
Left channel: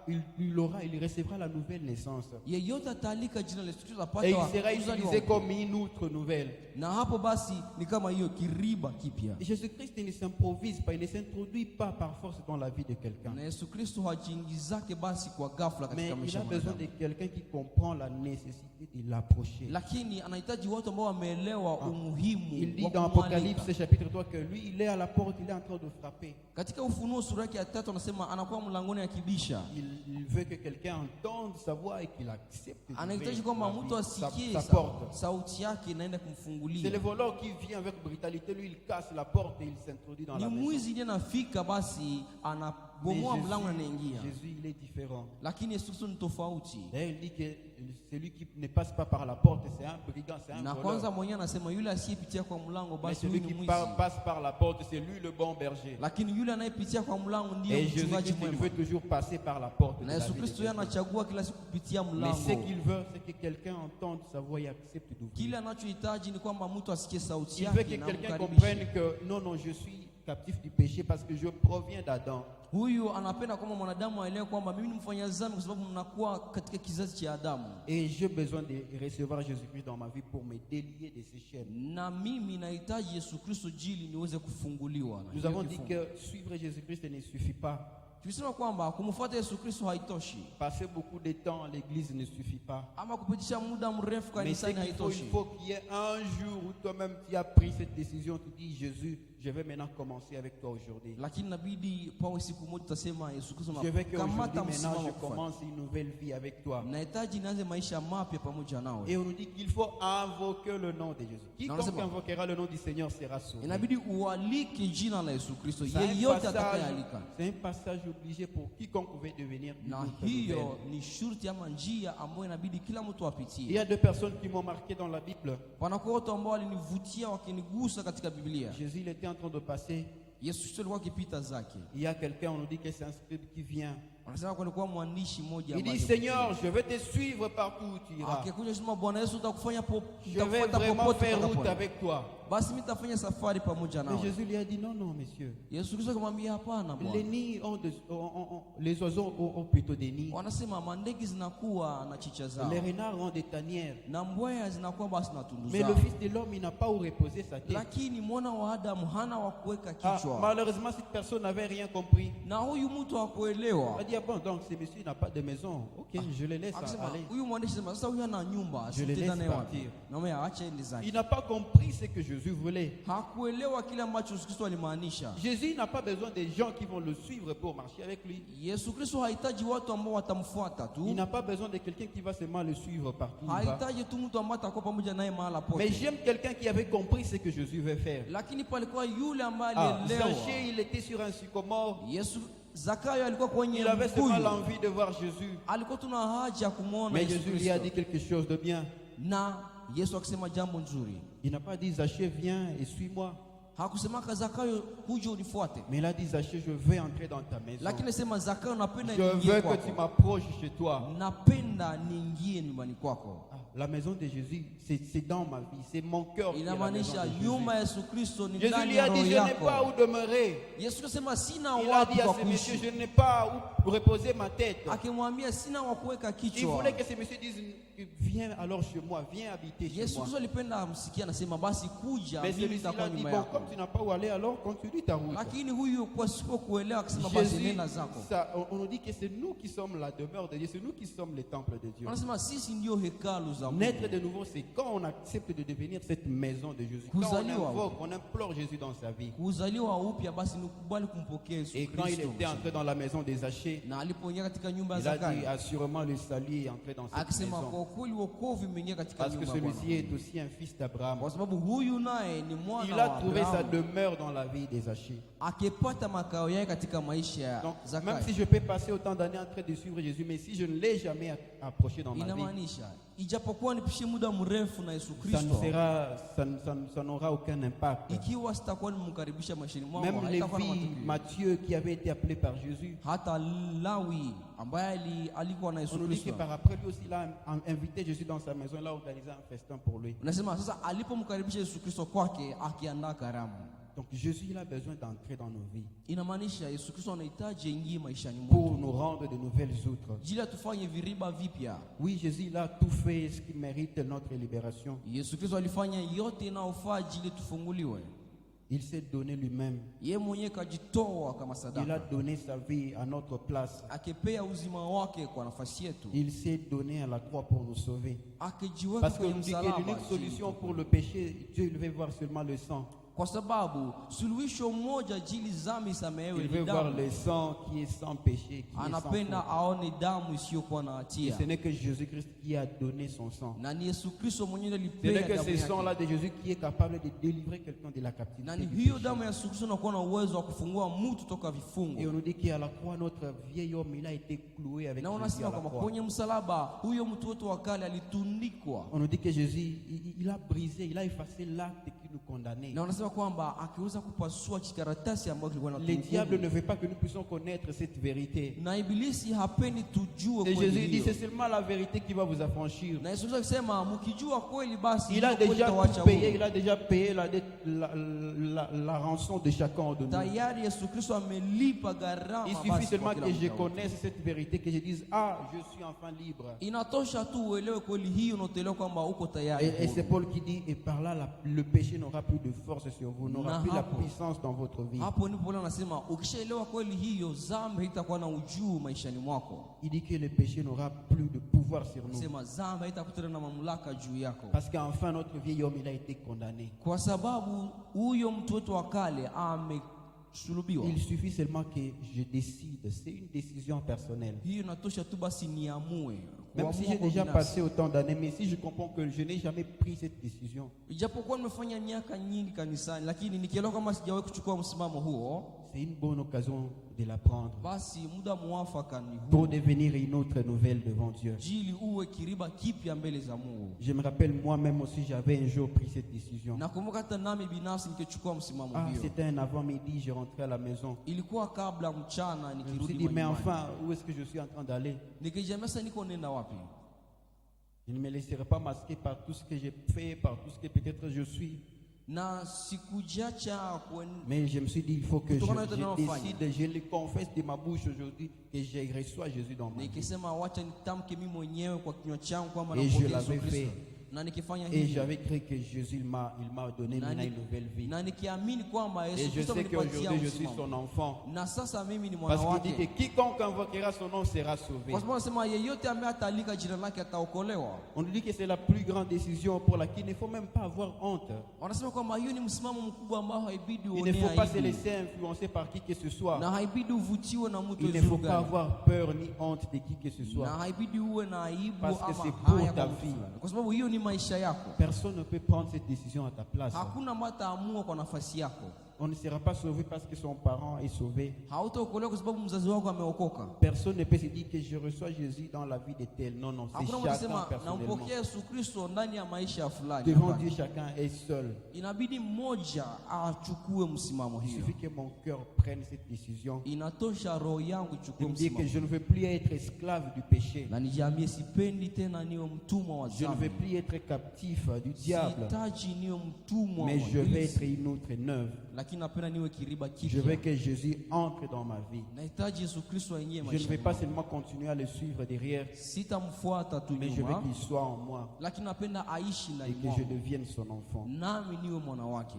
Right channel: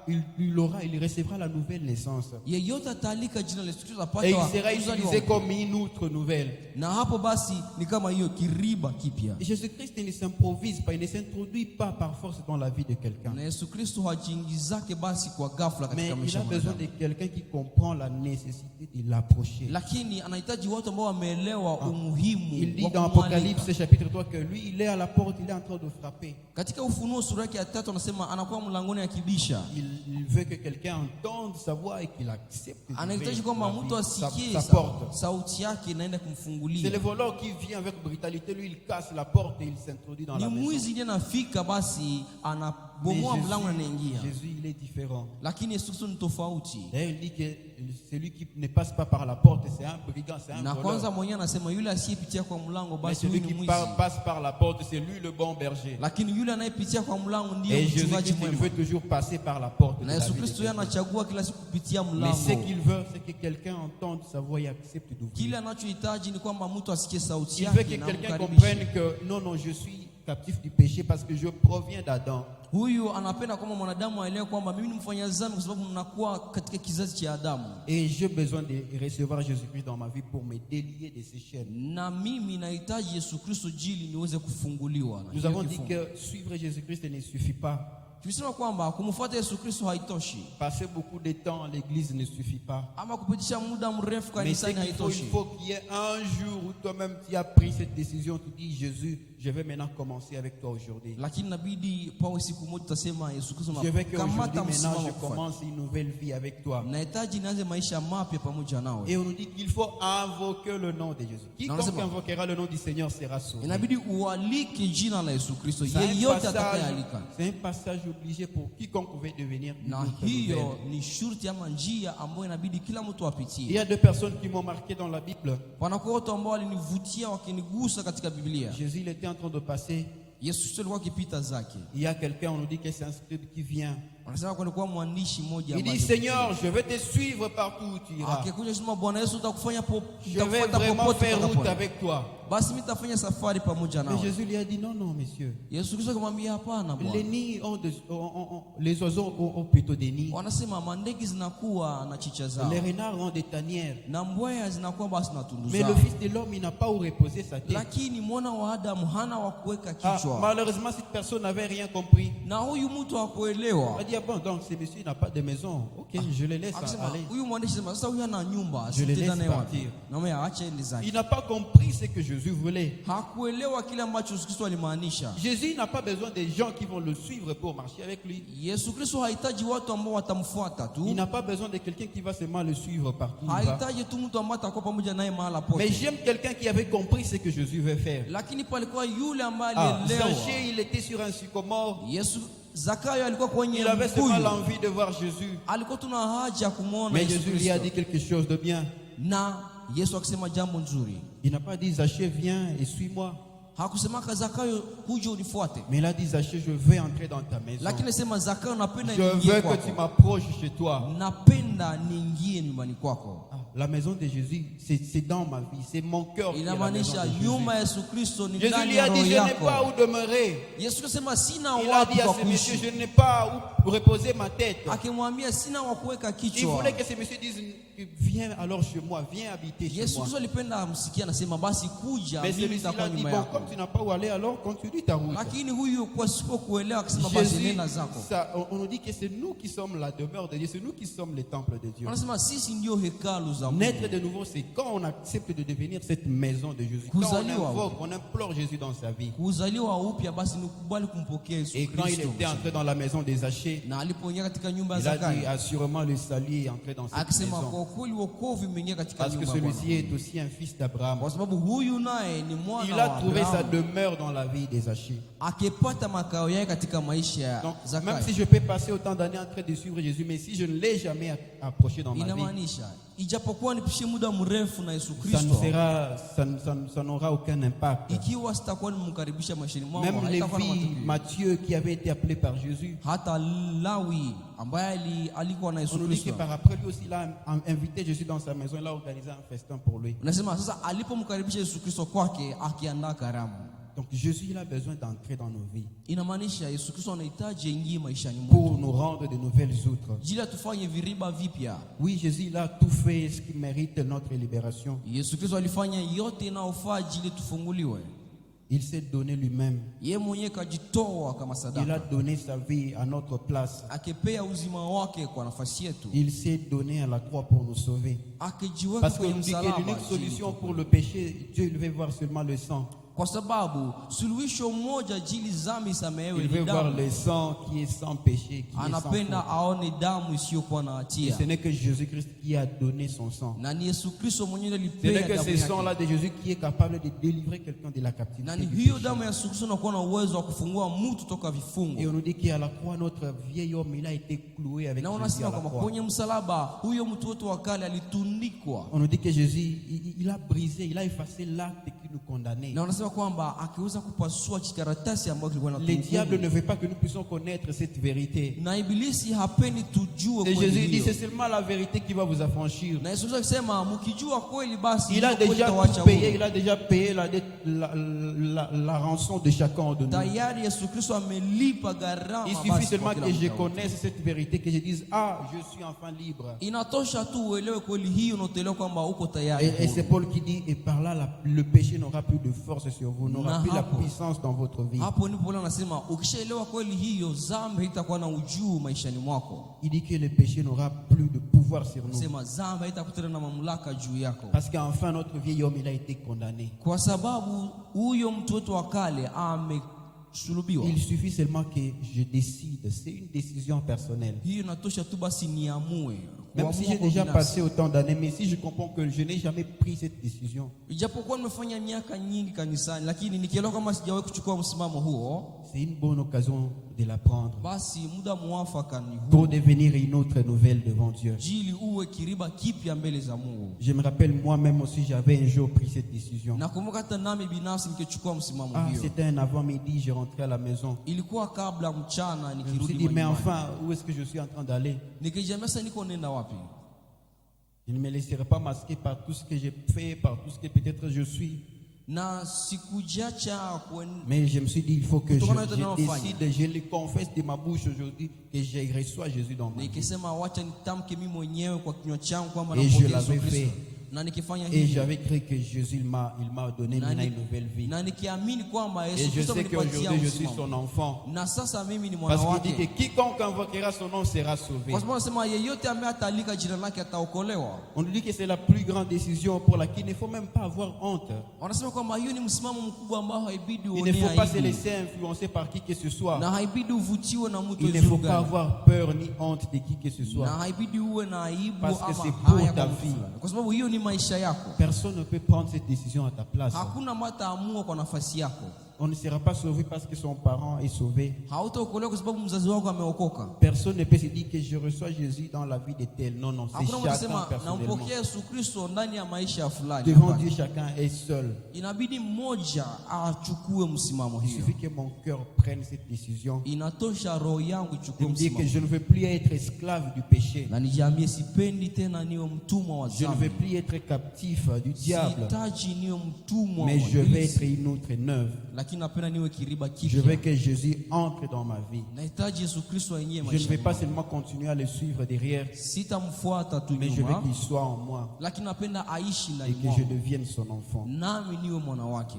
il recevra la nouvelle naissance. Yeyote ataalika jina la Yesu Kristo Et il atapata sera uzaliwa utilisé upya. comme une outre nouvelle. Na hapo basi ni kama hiyo kiriba kipya. Et Jésus-Christ ne s'improvise pas, il ne s'introduit pas par force dans la vie de quelqu'un. Na Yesu Kristo hajiingizake basi kwa ghafla Mais katika il maisha a ya besoin mwanadamu. de quelqu'un qui comprend la nécessité de l'approcher. Lakini anahitaji watu ambao wameelewa umuhimu Il dit wa dans kumwalika. Apocalypse chapitre 3 que lui, il est à la porte, il est en train de frapper. Katika Ufunuo sura yake ya 3 anasema anakuwa mlangoni akibisha. Il veut que quelqu'un entende sa voix et qu'il accepte Anahitaji d'ouvrir kwamba mtu sa asikie porte. sauti yake inaenda C'est le kumfungulia. voleur qui vient avec brutalité, lui il casse la porte et il s'introduit dans Ni la maison. mwizi ndiye anafika basi Mais anabomoa mlango na anaingia. Jésus, il est différent. Lakini Yesu Kristo ni tofauti. D'ailleurs, il dit que celui qui ne passe pas par la porte, c'est un brigand, c'est un Na kwanza voleur. mwenyewe anasema yule asiyepitia kwa mlango Mais basi celui huyu qui ni mwizi. passe par la porte, c'est lui le bon berger. Lakini yule anayepitia kwa mlango ndiye Et mchungaji Jésus-Christ, il mwema. veut toujours passer par la porte. de Na la Yesu vie de Kristo yeye quelqu'un. anachagua kila siku kupitia Mais mlango. ce qu'il veut, c'est que quelqu'un entende sa voix et accepte d'ouvrir. Kile anachohitaji ni kwamba mtu asikie sauti Il veut yake que na quelqu'un amkaribishe. comprenne que non, je suis captif du péché parce que je proviens d'Adam. Huyu anapenda kwamba mwanadamu aelewe kwamba mimi ni mfanya dhambi kwa sababu mnakuwa katika kizazi cha Adamu. Et j'ai besoin de recevoir Jésus-Christ dans ma vie pour me délier de ces chaînes. Na mimi nahitaji Yesu Kristo jili niweze kufunguliwa. Na Nous hiyo avons dit kifungo. que suivre Jésus-Christ ne suffit pas. Tulisema kwamba kumfuata Yesu Kristo haitoshi. Passer beaucoup de temps à l'église ne suffit pas. Ama kupitisha muda mrefu Mais c'est kanisani qu'il faut, haitoshi. il faut qu'il y ait un jour où toi-même tu as pris cette décision, tu dis Jésus, je vais maintenant commencer avec toi aujourd'hui. Lakini inabidi pawe siku moja tutasema Yesu Kristo Je veux qu'aujourd'hui nakamata maintenant msimamo je kufanya. commence une nouvelle vie avec toi. Nahitaji nianze maisha mapya pamoja nawe. Et on nous dit qu'il faut invoquer le nom de Jésus. Quiconque c'est bon. invoquera le nom du Seigneur sera sauvé. Inabidi ualike jina la Yesu Kristo. C'est Yeyote atakayealika. un passage obligé pour quiconque veut devenir une Na autre nouvelle. hiyo ni shurti ama njia ambayo inabidi kila mtu Il y apitie. a deux personnes qui m'ont marqué dans la Bible. Wanakuwa watu ambao walinivutia wakinigusa katika Biblia. Jésus, il était en train de passer. Yesu Kristo alikuwa akipita zake. Il y a quelqu'un, on nous dit que c'est un scribe qui vient. Wanasema kulikuwa mwandishi mmoja Il dit, ambaye Seigneur, je vais te suivre partout où tu iras. akikuja sema Bwana Yesu utakufanya Je vais vraiment faire route avec toi. basi mimi nitafanya safari pamoja Mais nawe. Jésus lui a dit, non, non, monsieur. Yesu Kristo akamwambia hapana Les Bwana. nids les oiseaux ont plutôt des nids. Wanasema mandege zinakuwa na chicha zao. Les renards ont des tanières. Na mbweha zinakuwa basi na tundu Mais zao. le Fils de l'homme, il n'a pas où reposer sa tête. Lakini mwana wa Adamu hana wa kuweka Ah, kichwa. malheureusement, cette personne n'avait rien compris. Na huyu mtu Il hakuelewa. a dit, ah bon, donc ce monsieur n'a pas de maison. Ok, Ok, je les laisse Akasema aller. huyu mwandishi sema sasa huyu ana nyumba, Je les sitaenda laisse naye wapi? partir. Naomba aache ende zake. Il n'a pas compris ce que Jésus voulait. Hakuelewa kile ambacho Yesu Kristo alimaanisha. Jésus n'a pas besoin des gens qui vont le suivre pour marcher avec lui. Yesu Kristo hahitaji watu ambao watamfuata tu. Il n'a pas besoin de quelqu'un qui va seulement le suivre partout où il va. Hahitaji tu mtu ambaye atakuwa pamoja naye mahala Mais pote. j'aime quelqu'un qui avait compris ce que Jésus veut faire. Lakini palikuwa yule ambaye Ah, alielewa. Zaché, il était sur un sycomore. Yesu Zakayo alikuwa kwenye Il avait seulement mkuyu. l'envie de voir Jésus. Alikuwa tuna haja ya kumuona Mais Yesu Jésus lui a Kristo. dit quelque chose de bien. Na Yesu akisema jambo nzuri. Il n'a pas dit Zaché, viens et suis-moi. Hakusemaka Zakayo kuja unifuate. Mais il a dit Zaché, je veux entrer dans ta maison. Lakini sema Zakayo napenda Je niingie veux que tu kwako. m'approches chez toi. Napenda niingie nyumbani kwako. Ah, la maison de Jésus, c'est dans ma vie. C'est mon cœur qui est la maison Inamaanisha de Jésus. nyumba ya Yesu Kristo ni Jésus ndani lui ya a dit, roho je n'ai pas yako. où demeurer. Yesu kusema sina Il a wapi dit à kwa ce monsieur, kuishi. je n'ai pas où reposer ma tête. Akimwambia sina wa kuweka Il kichwa. voulait que ce monsieur dise, viens alors chez moi, viens habiter chez Yesu moi. Kristo alipenda amsikie anasema basi kuja Mais mimi celui-ci nitakuwa a dit, nyuma bon, yako. comme tu n'as pas où aller, alors continue ta route. Lakini huyu kwa sipo kuelewa akisema basi Jésus, nenda zako. on nous dit que c'est nous qui sommes la demeure de Dieu, c'est nous qui sommes le temple de Dieu. Anasema sisi ndio hekalu za Mungu. Naître de nouveau, c'est quand on accepte de devenir cette maison de Jésus. Quand on Kuzaliwa. invoque, on implore Jésus dans sa vie. Kuzaliwa upya basi ni kubali kumpokea Yesu Et quand il Kristo. était entré dans la maison des Zachée, Na alipoingia katika nyumba ya il a dit Zakayo assurément le salut est entré dans cette akisema maison. kwa kweli wokovu imeingia katika Parce que nyumba ya Bwana. celui-ci est aussi un fils d'Abraham. Kwa sababu huyu naye ni mwana Il a wa trouvé sa Abrahamu. demeure dans la vie des Zachée. Akipata makao yake katika maisha ya Donc, Zakayo. même si je peux passer autant d'années en train de suivre Jésus, mais si je ne l'ai jamais approché dans ma vie, Inamaanisha ijapokuwa nipishe muda mrefu na Yesu ça ne Kristo, sera, ça n'aura aucun impact. ikiwa sitakuwa nimemkaribisha maishani mwangu, Même haitakuwa na Lévi, matokeo. Matthieu, qui avait été appelé par Jésus, Hata Lawi ambaye alikuwa na on Yesu nous dit que Kristo. par après lui aussi, il a invité Jésus dans sa maison, il a organisé un festin pour lui. Unasema sasa alipomkaribisha Yesu Kristo kwake akiandaa karamu. Donc Jésus, il a besoin d'entrer dans nos vies Inamaanisha Yesu Kristo anahitaji aingie maishani pour mwetu. nous rendre de nouvelles outres. Jili atufanye viriba vipya. Oui, Jésus, il a tout fait ce qui mérite notre libération. Yesu Kristo alifanya yote inayofaa jili tufunguliwe. Il s'est donné lui-même. Yeye mwenyewe kajitoa kama Il a sadaka. donné sa vie à notre place. Akipea uzima wake kwa nafasi yetu. Il s'est donné à la croix pour nous sauver. Akijiweka Parce qu'on kwenye nous dit que msalaba. l'unique jili solution tu. pour le péché, Dieu il veut voir seulement le sang. Kwa sababu suluhisho moja jili dhambi isamehewe Il ni veut voir damu. le sang qui est sans péché, qui est sans Anapenda faute. aone damu isiyokuwa na Et hatia. ce n'est que Jésus-Christ qui a donné son sang. Na ni Yesu Kristo mwenyewe Ce n'est alipea que damu ce yake. sang-là de Jésus qui est capable de délivrer quelqu'un de la captivité. Na ni du hiyo péché. damu ya Yesu Kristo inakuwa na uwezo wa kufungua mtu toka Et vifungo. on nous dit qu'à la croix, notre vieil homme, il a été cloué avec Na Jésus unasema à la kwamba croix. kwenye msalaba huyo mtu wetu wa kale alitundikwa. On nous dit que Jésus, il a brisé, il a effacé l'acte qui nous condamnait. Na unasema kwamba akiweza kupasua kikaratasi ambacho kilikuwa Le kinatuhukumu. diable ne veut pas que nous puissions connaître cette vérité. Na ibilisi hapendi tujue Et kweli Jésus dit, hiyo. c'est seulement la vérité qui va vous affranchir. Na Yesu akisema mkijua kweli basi Il a kweli déjà itawacha tout payé, huru. il a déjà payé la rançon de chacun de nous. Tayari Yesu Kristo amelipa gharama. Il suffit basi seulement kwa kila que je mtu. connaisse cette vérité, que je dise, ah, je suis enfin libre. Inatosha tu uelewe kweli hiyo na uelewe kwamba uko tayari. Et c'est Paul qui dit, et par là, le péché n'aura plus de force sur vous, n'aura Na plus la hapo. puissance dans votre vie. Hapo ndipo Paulo anasema ukishaelewa kweli hiyo dhambi haitakuwa na ujuu maishani mwako. Il dit que le péché n'aura plus de pouvoir sur nous. Anasema dhambi haitakuwa na mamlaka juu yako. Parce qu'enfin, notre vieil homme, il a été condamné. Kwa sababu huyo mtu wetu wa kale amesulubiwa. Il suffit seulement que je décide. C'est une décision personnelle. Hiyo inatosha tu basi niamue. Même si Kuamua j'ai kwa déjà binafsi. passé autant d'années, mais si je comprends que je n'ai jamais pris cette décision, Ijapokuwa nimefanya miaka nyingi kanisani, lakini nikielewa kama sijawahi kuchukua msimamo huo, c'est une bonne occasion de la prendre basi muda mwafaka ni pour huu. devenir une autre nouvelle devant Dieu. Jili uwe kiriba kipya mbele za Mungu. Je me rappelle moi-même aussi, j'avais un jour pris cette décision. Nakumbuka hata nami binafsi nikichukua msimamo Ah, hiyo. c'était un avant-midi, je rentrais à la maison. Ilikuwa kabla mchana Je me suis nikirudi dit, mais nyumbani. enfin, où est-ce que je suis en train d'aller? Nikijambia sasa niko nenda wapi? Je ne me laisserai pas masquer par tout ce que j'ai fait, par tout ce que peut-être je suis. Na sikujacha Mais je me suis dit, il faut que je Kutokana na yote décide, je le confesse de ma bouche aujourd'hui, que je reçois Jésus dans ma vie. nikisema wacha nitamke mimi mwenyewe kwa kinywa changu kwamba Et je nampokea Yesu l'avais fait. Kristo. na nikifanya Et hivyo j'avais cru que Jésus il m'a donné maintenant une nouvelle vie. na nikiamini kwamba Et Yesu je Kristo sais amenipatia qu'aujourd'hui je suis uzima, son enfant. na sasa mimi ni mwana Parce qu'il dit wake, que quiconque invoquera son nom sera sauvé. kwa sababu anasema yeyote ambaye atalika jina lake ataokolewa. On nous dit que c'est la plus grande décision pour laquelle il ne faut même pas avoir honte. Wanasema kwamba hiyo ni msimamo mkubwa ambao haibidi Il ne uone faut pas se aibu laisser influencer par qui que ce soit. na haibidi uvutiwe na mtu Il ne faut yoyote, pas avoir peur ni honte de qui que ce na soit. haibidi uwe na aibu Parce que ama c'est pour haya ta kwa mtu vie. fulani, kwa sababu hiyo ni maisha yako. Personne ne peut prendre cette décision à ta place. Hakuna ambaye ataamua kwa nafasi yako. On ne sera pas sauvé parce que son parent est sauvé. Hautaokolewa kwa sababu mzazi wako ameokoka. Personne ne peut se dire que je reçois Jésus dans la vie de tel. Non, non, c'est Hakuna mtu chacun anasema personnellement. nampokea Yesu Kristo ndani ya maisha ya fulani. Devant Hapana. Dieu, chacun est seul. Inabidi mmoja achukue msimamo Il hiyo. suffit que mon cœur prenne cette décision. Inatosha roho yangu De ichukue me dire que msimamo. je ne veux plus être esclave du péché. Na nijiambie sipendi tena niwe mtumwa wa Je ne dhambi. veux plus être captif du diable. Sihitaji niwe mtumwa Mais wa je veux ibilisi. être une autre neuve. Lakini napenda niwe kiriba Je veux kipya. que Jésus entre dans ma vie. Nahitaji Yesu Kristo aingie Je ne maisha vais pas yangu. seulement continuer à le suivre derrière, Sitamfuata tu mais je veux nyuma, qu'il soit en moi lakini napenda aishi et ndani que je mwangu, devienne son enfant. nami niwe mwana wake.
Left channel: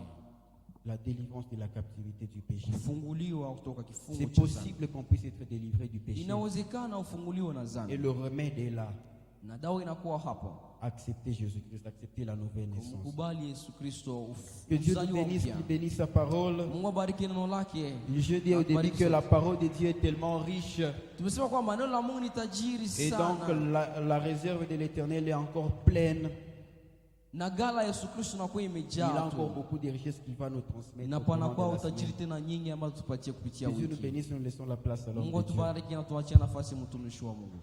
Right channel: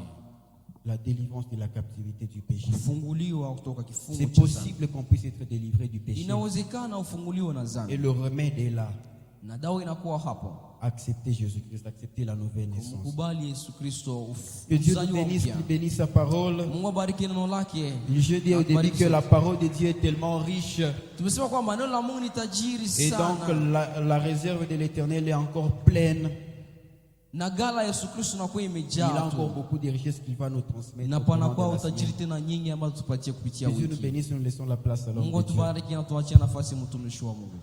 La délivrance de la captivité du péché. Kufunguliwa kutoka kifungo C'est cha dhambi. possible qu'on puisse être délivré du péché. Inawezekana ufunguliwe na Et dhambi, le remède est là. na dawa inakuwa hapo. Accepter Jésus-Christ, accepter la nouvelle naissance. Kumkubali Yesu Kristo, Que Dieu nous uzaliwa bénisse, upya. qu'il bénisse sa parole. Mungu abariki neno lake. Je dis au début que la parole de Dieu est tellement riche. Tumesema kwamba neno la Mungu ni tajiri Et donc sana, la réserve de l'Éternel est encore pleine. na gala ya Yesu Kristo inakuwa Il a imejaa encore tu, beaucoup de richesses qu'il va nous transmettre. na au courant panakuwa de la utajiri semaine. tena nyingi ambazo tupatie kupitia Que Dieu nous wiki. bénisse, nous laissons la place à l'homme Mungu de Dieu. atubariki na tuachie nafasi mtumishi wa Mungu.